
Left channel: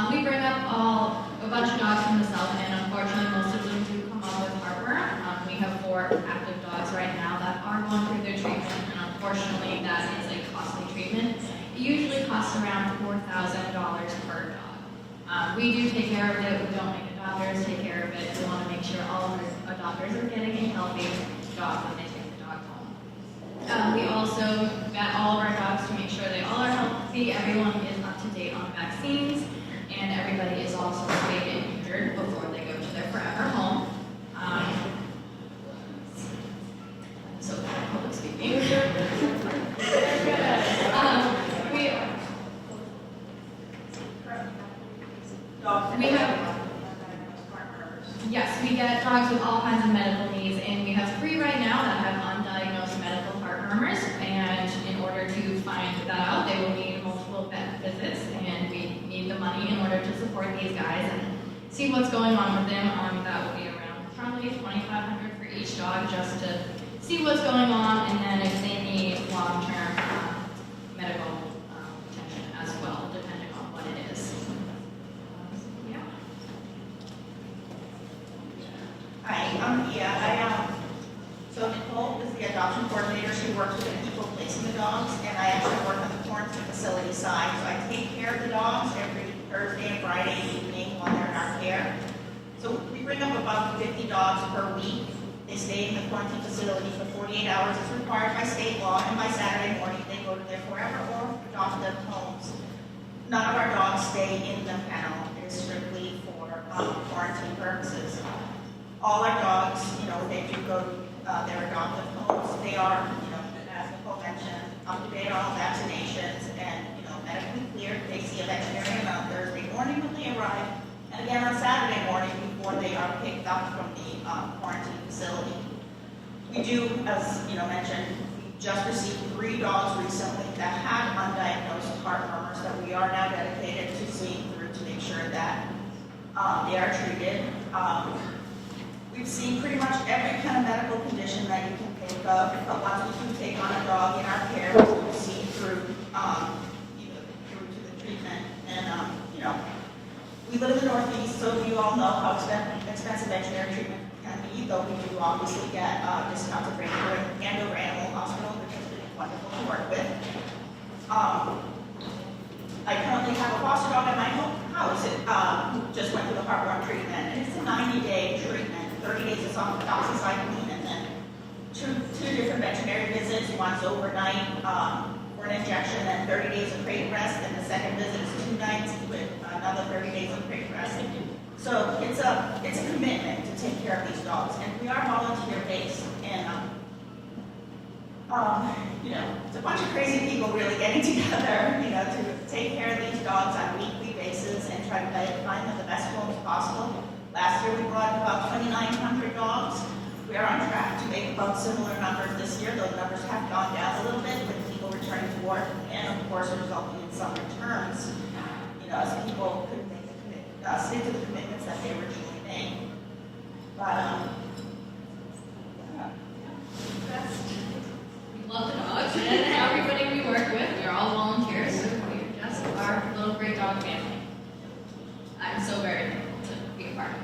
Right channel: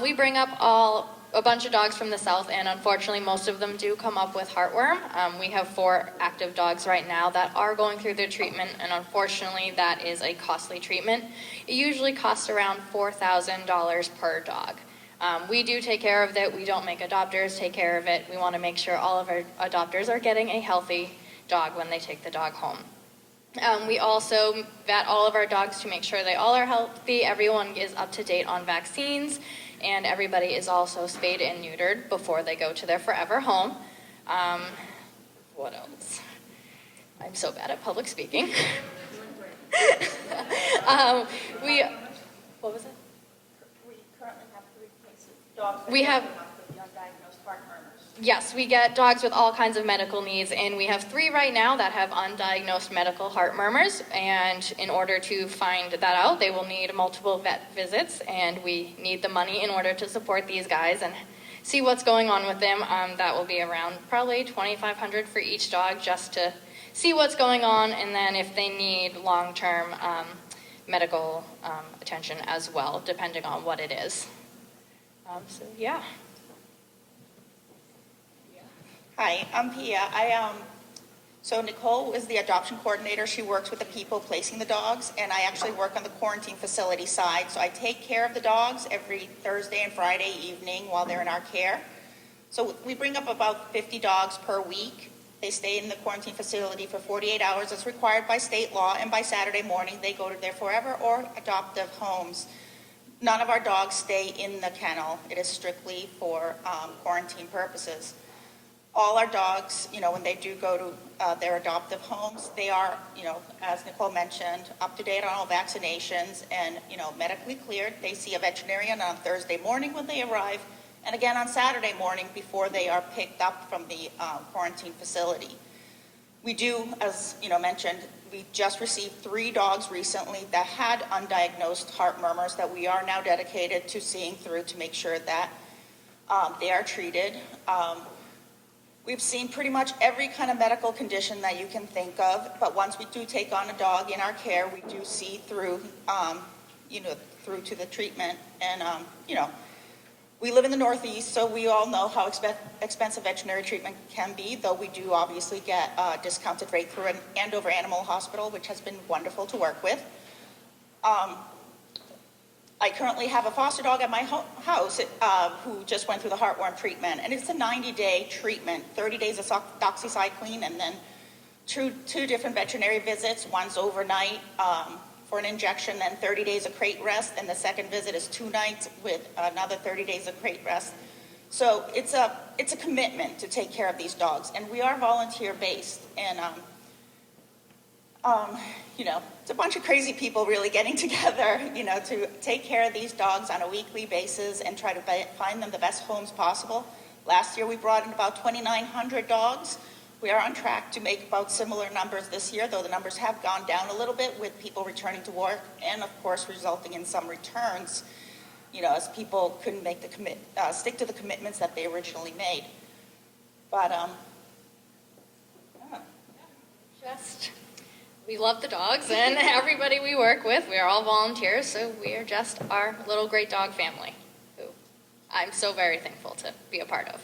We bring up all a bunch of dogs from the south, and unfortunately most of them do come up with heartworm. We have 4 active dogs right now that are going through their treatment, and unfortunately that is a costly treatment. It usually costs around $4,000 per dog. We do take care of it. We don't make adopters take care of it. We want to make sure all of our adopters are getting a healthy dog when they take the dog home. We also vet all of our dogs to make sure they all are healthy. Everyone is up to date on vaccines, and everybody is also spayed and neutered before they go to their forever home. What else? I'm so bad at public speaking. What was it? We have, yes, we get dogs with all kinds of medical needs, and we have 3 right now that have undiagnosed medical heart murmurs, and in order to find that out, they will need multiple vet visits, and we need the money in order to support these guys and see what's going on with them. That will be around probably $2,500 for each dog, just to see what's going on, and then if they need long-term medical attention as well, depending on what it is. So, yeah. Hi, I'm Pia. So Nicole is the adoption coordinator. She works with the people placing the dogs, and I actually work on the quarantine facility side. So I take care of the dogs every Thursday and Friday evening while they're in our care. So we bring up about 50 dogs per week. They stay in the quarantine facility for 48 hours as required by state law, and by Saturday morning they go to their forever or adoptive homes. None of our dogs stay in the kennel. It is strictly for quarantine purposes. All our dogs, when they do go to their adoptive homes, they are, as Nicole mentioned, up to date on all vaccinations and, medically cleared. They see a veterinarian on Thursday morning when they arrive, and again on Saturday morning before they are picked up from the quarantine facility. We do, as mentioned, we just received 3 dogs recently that had undiagnosed heart murmurs that we are now dedicated to seeing through to make sure that they are treated. We've seen pretty much every kind of medical condition that you can think of, but once we do take on the dog in our care, we do see through, through to the treatment. And, we live in the Northeast, so we all know how expensive veterinary treatment can be, though we do obviously get a discounted rate through Andover Animal Hospital, which has been wonderful to work with. I currently have a foster dog at my house who just went through the heartworm treatment, and it's a 90-day treatment, 30 days of doxycycline, and then two different veterinary visits. One's overnight for an injection and 30 days of crate rest, and the second visit is 2 nights with another 30 days of crate rest. So it's a commitment to take care of these dogs, and we are volunteer-based, and it's a bunch of crazy people really getting together, to take care of these dogs on a weekly basis and try to find them the best homes possible. Last year we brought in about 2,900 dogs. We are on track to make about similar numbers this year, though the numbers have gone down a little bit with people returning to work, and of course resulting in some returns, as people couldn't make stick to the commitments that they originally made. But We love the dogs and everybody we work with. We are all volunteers, so we are just our little great dog family. I'm so very thankful to be a part of.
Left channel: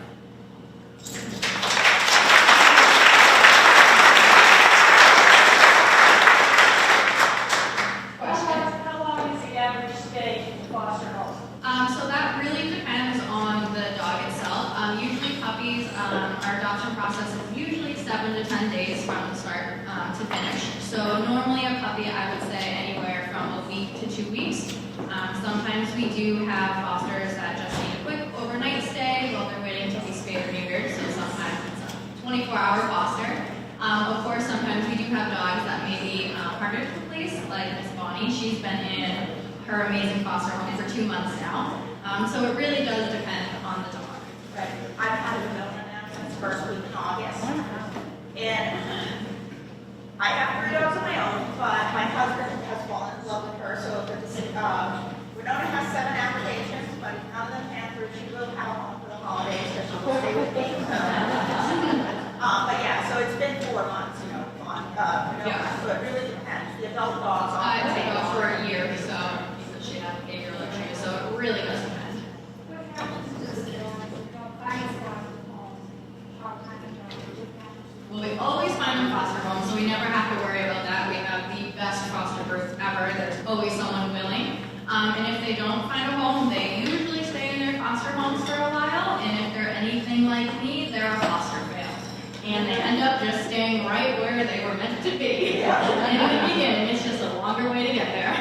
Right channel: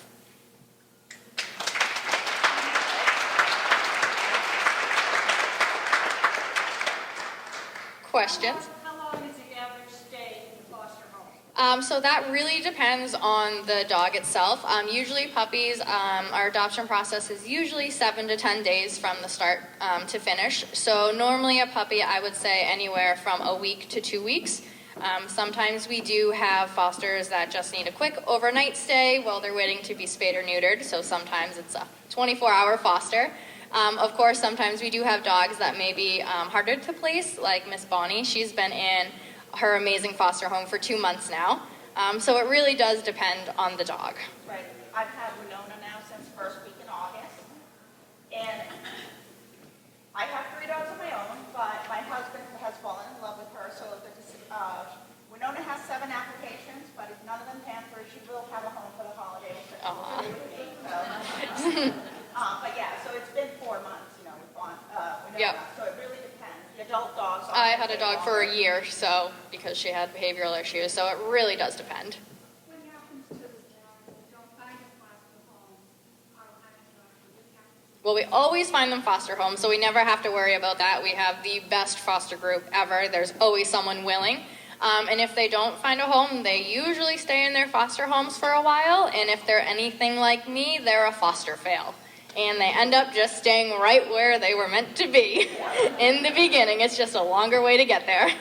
Questions? How long is the average stay in the foster home? So that really depends on the dog itself. Usually puppies, our adoption process is usually 7 to 10 days from the start to finish. So normally a puppy, I would say anywhere from a week to 2 weeks. Sometimes we do have fosters that just need a quick overnight stay while they're waiting to be spayed or neutered. So sometimes it's a 24-hour foster. Of course, sometimes we do have dogs that may be harder to place, like Miss Bonnie. She's been in her amazing foster home for 2 months now. So it really does depend on the dog. right, I've had a millionaire since first week in August, and I have 3 dogs of my own, but my husband has fallen in love with her, so it's, we don't have 7 applications, but none of them can for you to have home for the holidays, so she will stay with me. But yeah, so it's been 4 months, Yep. so it really depends. They all dogs. I had a dog for a year, so because she had behavioral issues, so it really does depend. Well, we always find them foster homes, so we never have to worry about that. We have the best foster group ever. There's always someone willing. And if they don't find a home, they usually stay in their foster homes for a while. And if they're anything like me, they're a foster fail. And they end up just staying right where they were meant to be in the beginning. It's just a longer way to get there.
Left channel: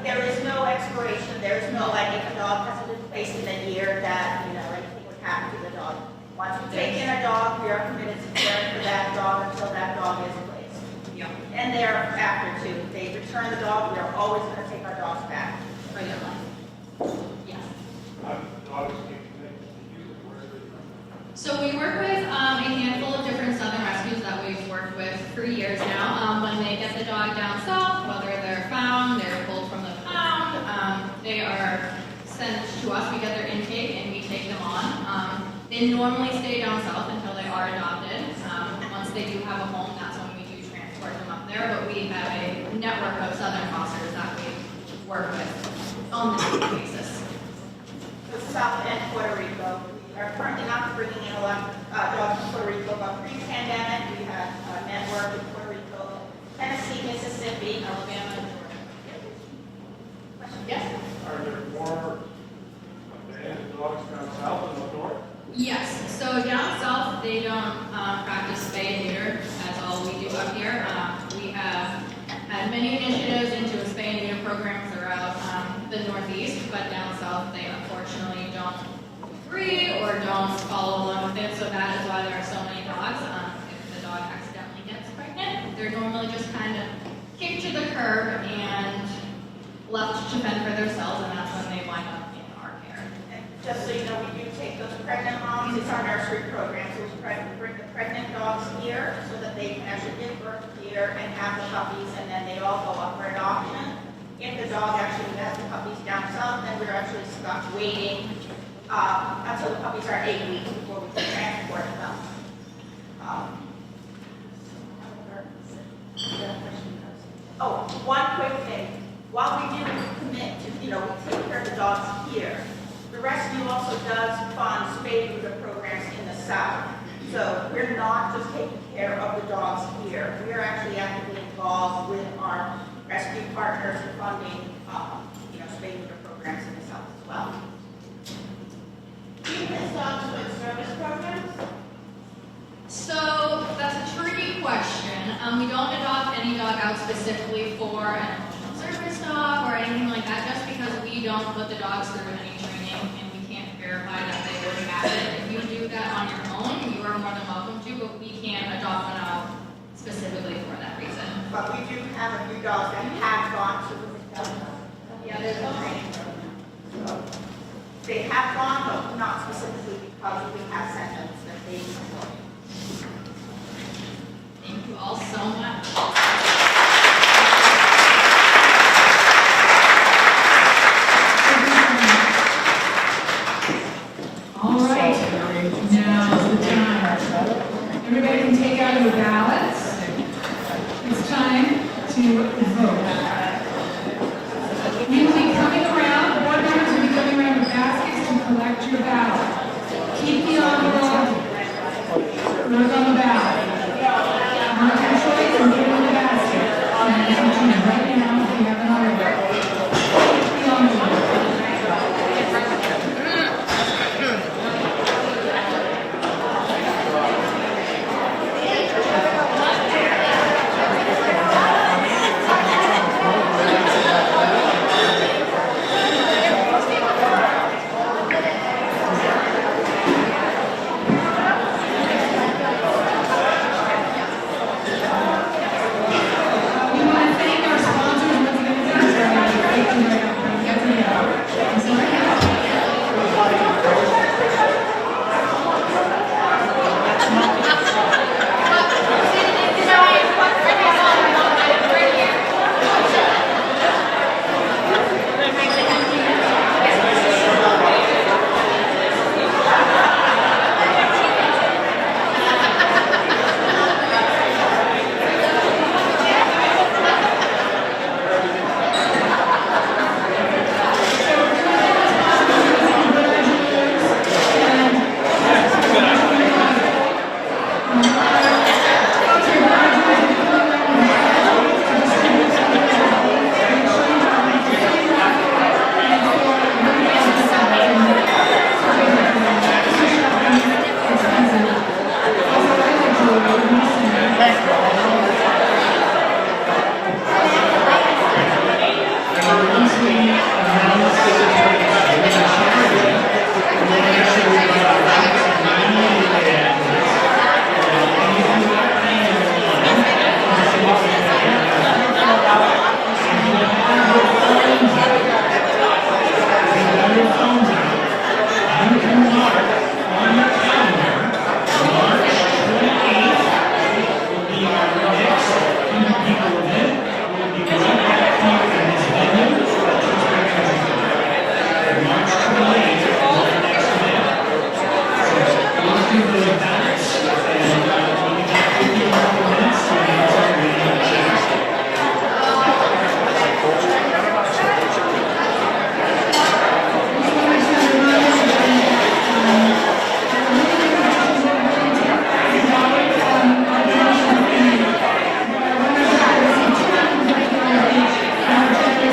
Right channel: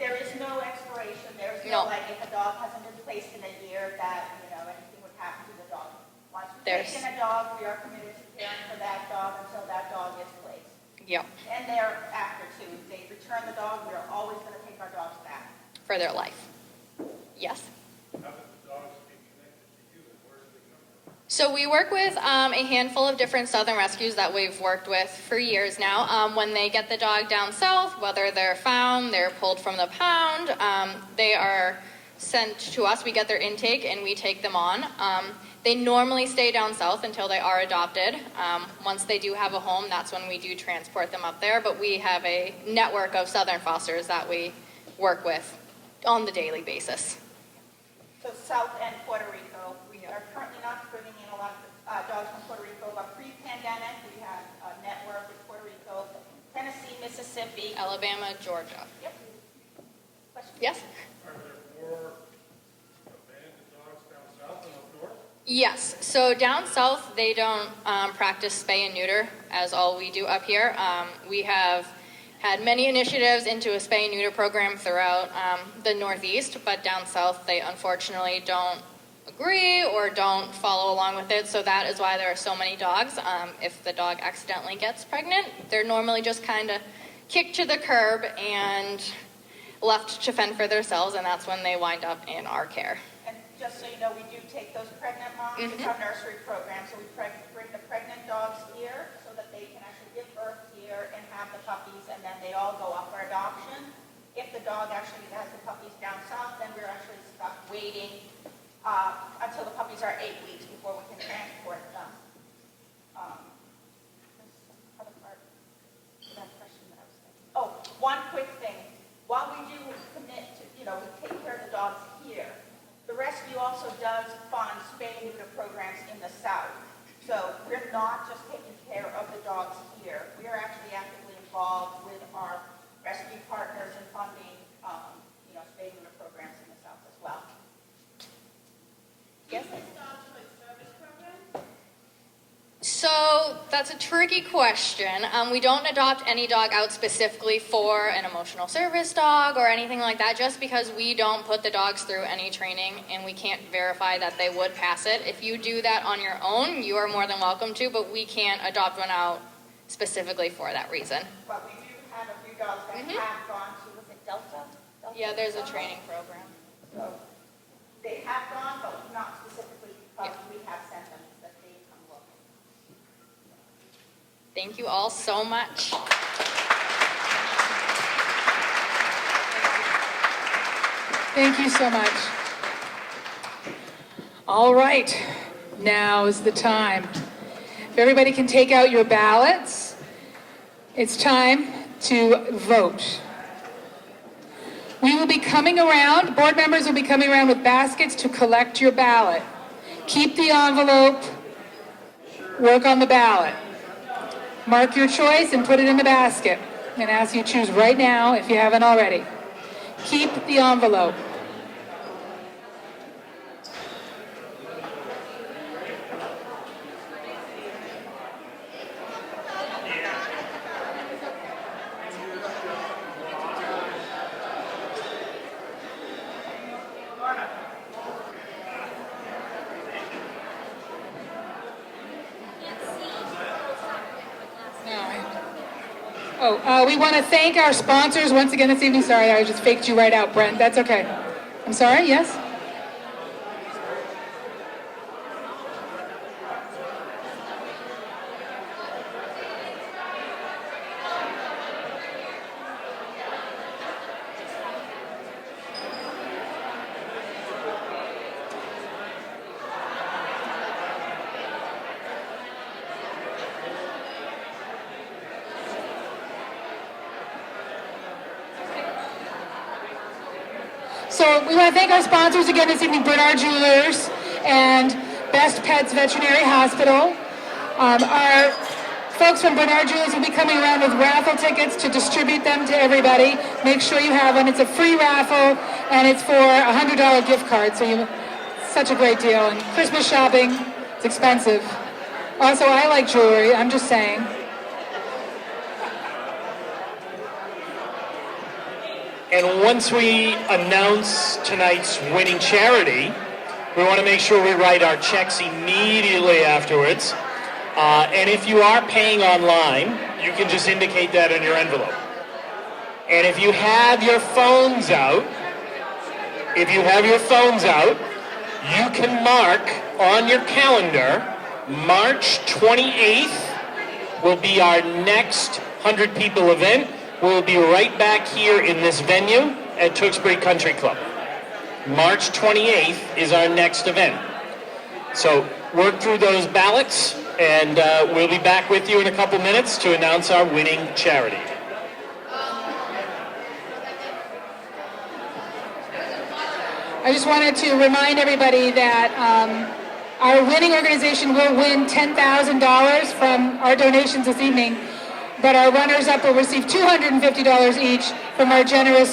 There is no exploration, there is no like if a dog has been placed in a year that, anything would happen to the dog. Once you take in a dog, you're committed to caring for that dog until that dog is placed. Yep. And there are factors too. They return the dog, we're always going to take our dogs back. For their life. Yes. How do dogs get connected to you? Where are they from? So we work with a handful of different Southern rescues that we've worked with for years now. When they get the dog down south, whether they're found, they're pulled from the pound, they are sent to us. We get their intake and we take them on. They normally stay down south until they are adopted. Once they do have a home, that's when we do transport them up there. But we have a network of Southern fosters that we work with on the daily basis. So South and Puerto Rico, we are currently not bringing in a lot of dogs from Puerto Rico. Pre-pandemic, we have a network in Puerto Rico, Tennessee, Mississippi, Alabama, Georgia. Yes? Are there more abandoned dogs down south than up north? Yes. So down south, they don't practice spay and neuter as all we do up here. We have had many initiatives into a spay and neuter program throughout the Northeast, but down south, they unfortunately don't agree or don't follow along with it, so that is why there are so many dogs. If the dog accidentally gets pregnant, they're normally just kind of kicked to the curb and left to fend for themselves, and that's when they wind up in our care. just so you know, we do take those pregnant moms to our nursery programs. We bring the pregnant dogs here so that they can actually give birth here and have the puppies, and then they all go up for adoption. If the dog actually has the puppies down south, then we're actually stuck waiting until the puppies are 8 weeks before we can transport them. One quick thing. While we do commit to, we take care of the dogs here, the rescue also does fund spay neuter programs in the south. So we're not just taking care of the dogs here. We're actually actively involved with our rescue partners in funding, spay neuter programs in the south as well. Do you miss dogs with service programs? So that's a tricky question. We don't adopt any dog out specifically for an emotional service dog or anything like that, just because we don't put the dogs through any training and we can't verify that they would pass it. If you do that on your own, you are more than welcome to, but we can't adopt one out specifically for that reason. But we do have a few dogs that have gone to Yeah, there's a training. So they have gone, but not specifically because we have sent them to the days. Thank you all so much. Thank you so much. All right, now is the time. If everybody can take out your ballots, it's time to vote. We will be coming around, board members will be coming around with baskets to collect your ballot. Keep the envelope, work on the ballot. Mark your choice and put it in the basket. And as you choose right now, if you haven't already, keep the envelope. Once again this evening, sorry, I just faked you right out, Brent. That's okay. I'm sorry, yes? Also, I like jewelry, I'm just saying. And once we announce tonight's winning charity, we want to make sure we write our checks immediately afterwards. And if you are paying online, you can just indicate that on your envelope. And if you have your phones out, you can mark on your calendar, March 28th will be our next 100 people event. We'll be right back here in this venue at Tewksbury Country Club. March 28th is our next event. So work through those ballots, and we'll be back with you in a couple minutes to announce our winning charity. I just wanted to remind everybody that our winning organization will win $10,000 from our donations this evening, but our runners-up will receive $250 each from our generous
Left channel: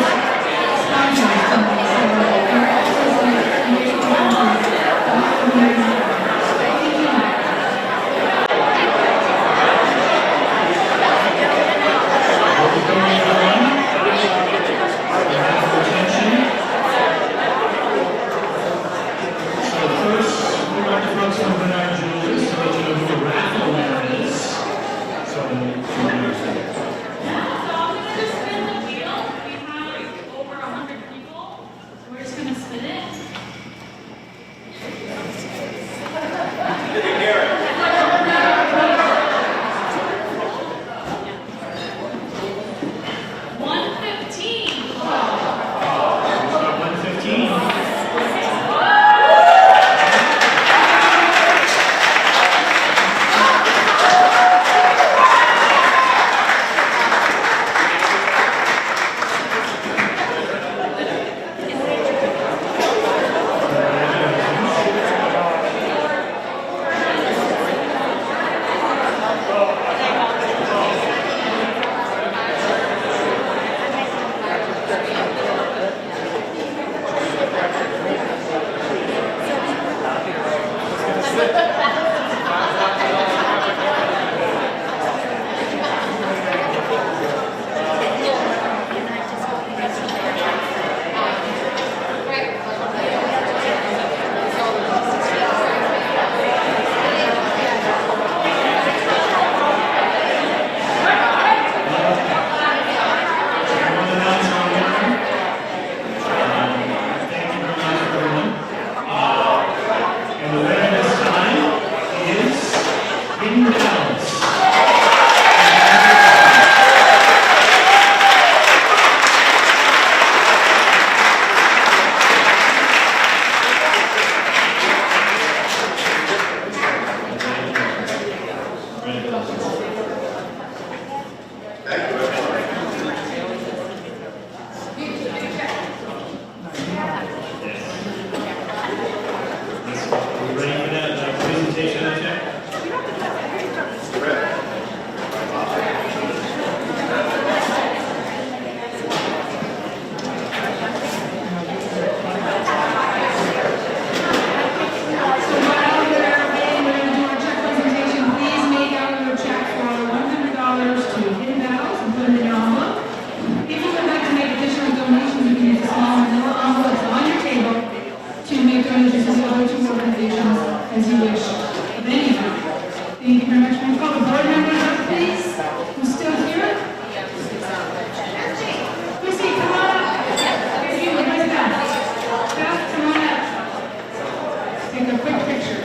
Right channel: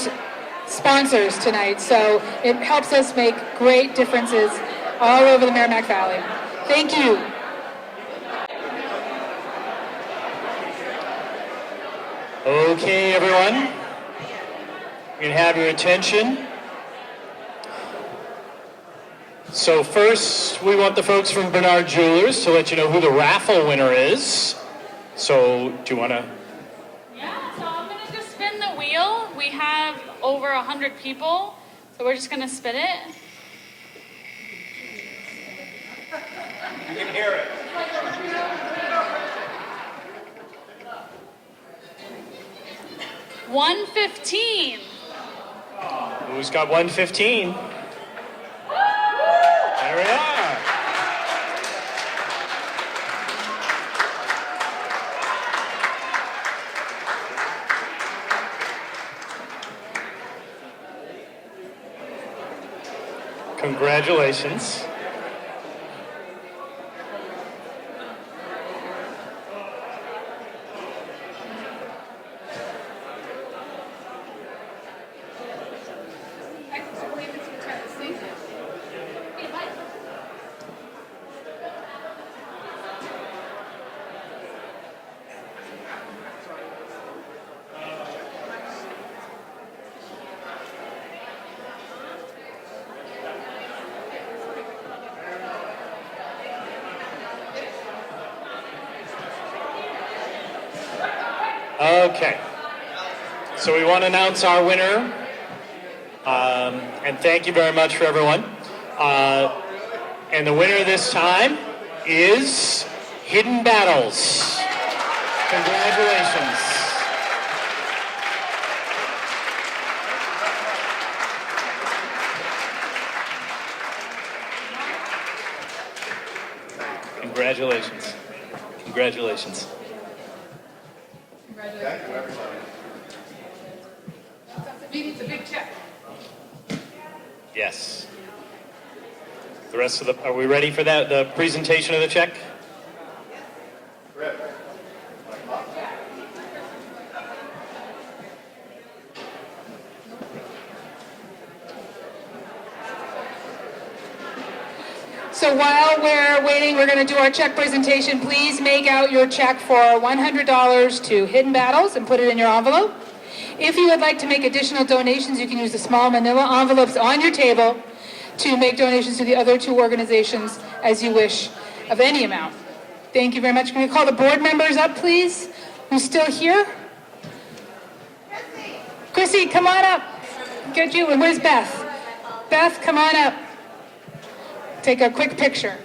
sponsors tonight. So it helps us make great differences all over the Merrimack Valley. Thank you. Okay, everyone. We have your attention. So first, we want the folks from Bernard Jewelers to let you know who the raffle winner is. So, do you want to? Spin the wheel. We have over 100 people, so we're just going to spin it. $115. Who's got 115? Our winner, and thank you very much for everyone. And the winner this time is Hidden Battles. Congratulations. Congratulations. Are we ready for that, the presentation of the check? So while we're waiting, we're going to do our check presentation. Please make out your check for $100 to Hidden Battles and put it in your envelope. If you would like to make additional donations, you can use the small manila envelopes on your table to make donations to the other two organizations as you wish of any amount. Thank you very much. Can we call the board members up, please? Who's still here? Chrissy, come on up. Get you. Where's Beth? Beth, come on up. Take a quick picture.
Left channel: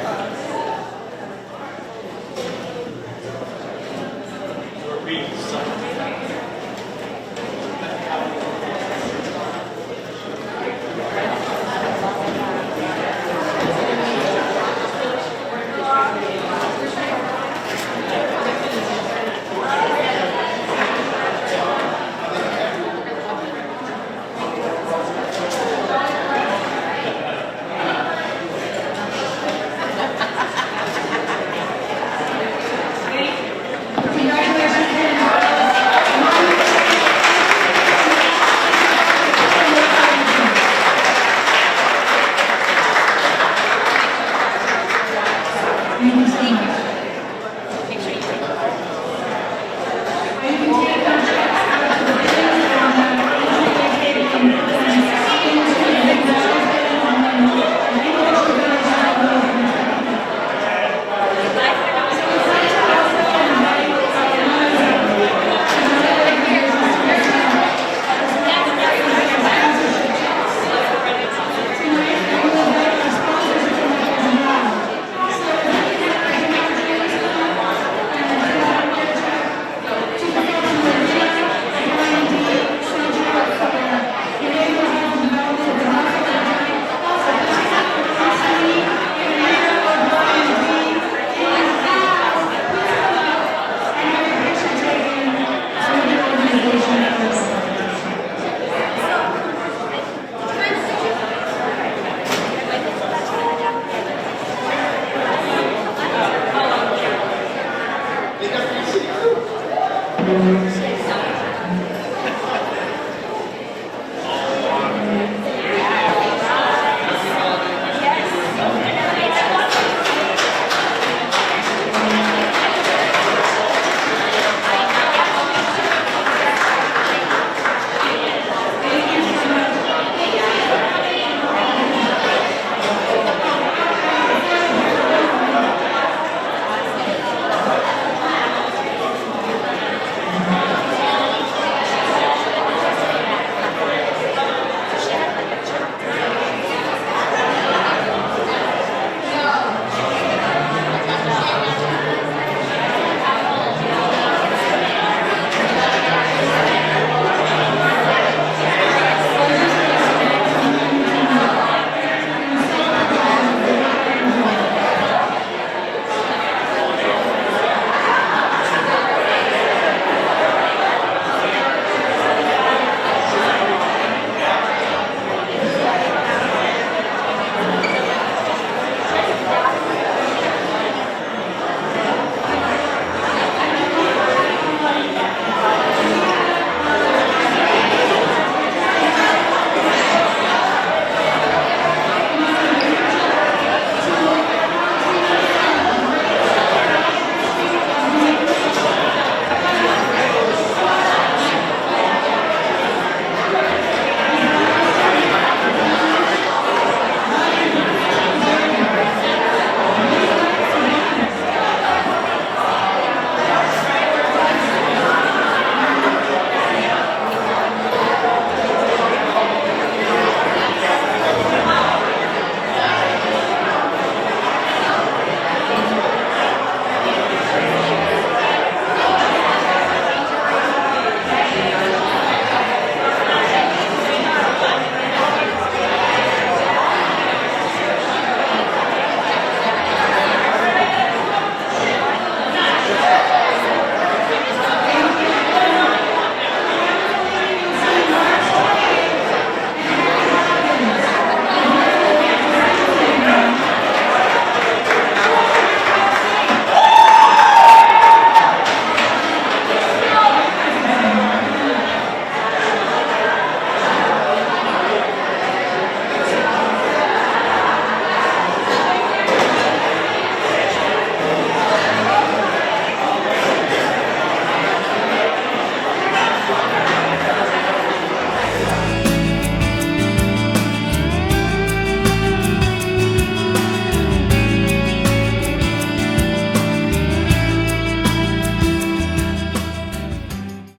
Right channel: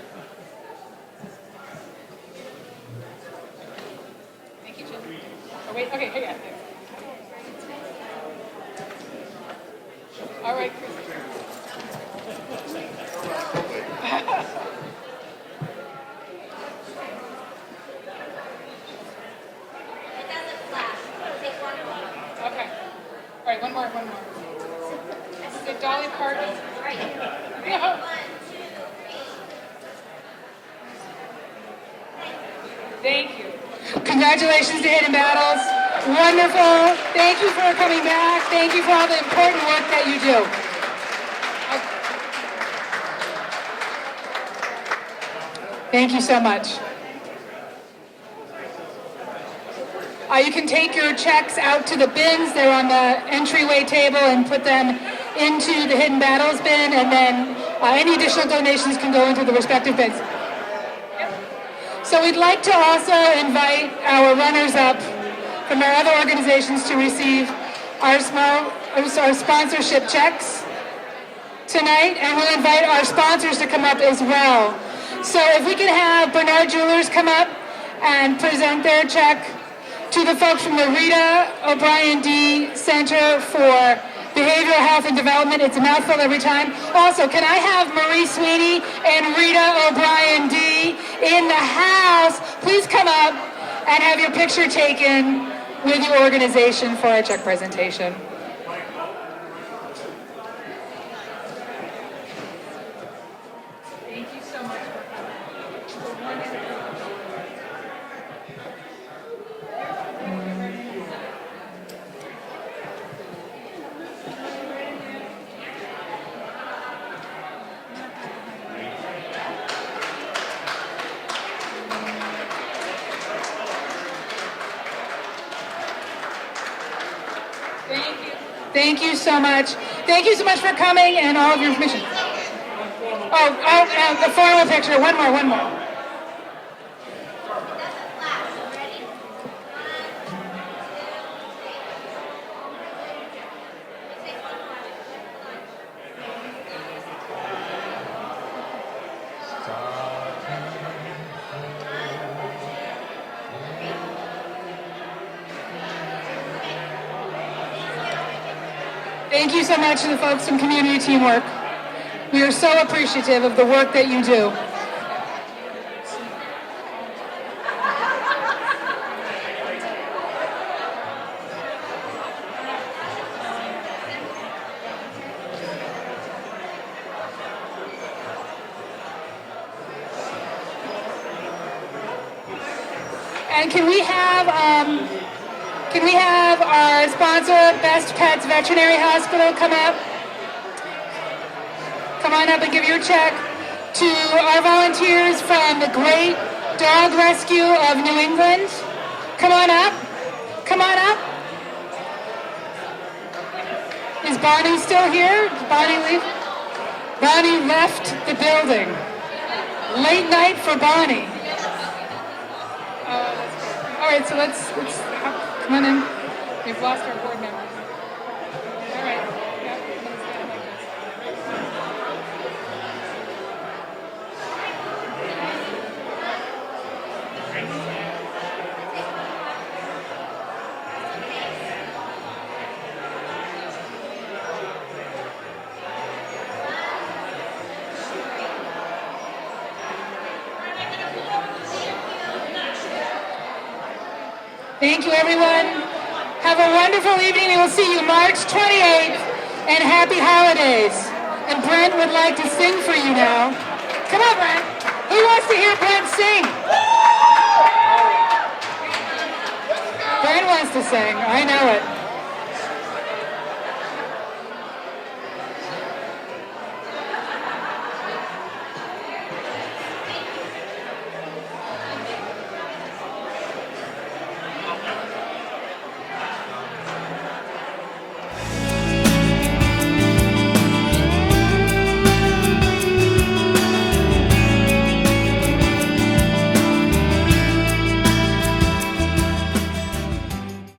Congratulations to Hidden Battles. Wonderful. Thank you for coming back. Thank you for all the important work that you do. Thank you so much. to the folks from the Rita O'Brien D. Center for Behavioral Health and Development. It's a mouthful every time. Also, can I have Marie Sweeney and Rita O'Brien D. in the house? Please come up and have your picture taken with your organization for our check presentation. Thank you.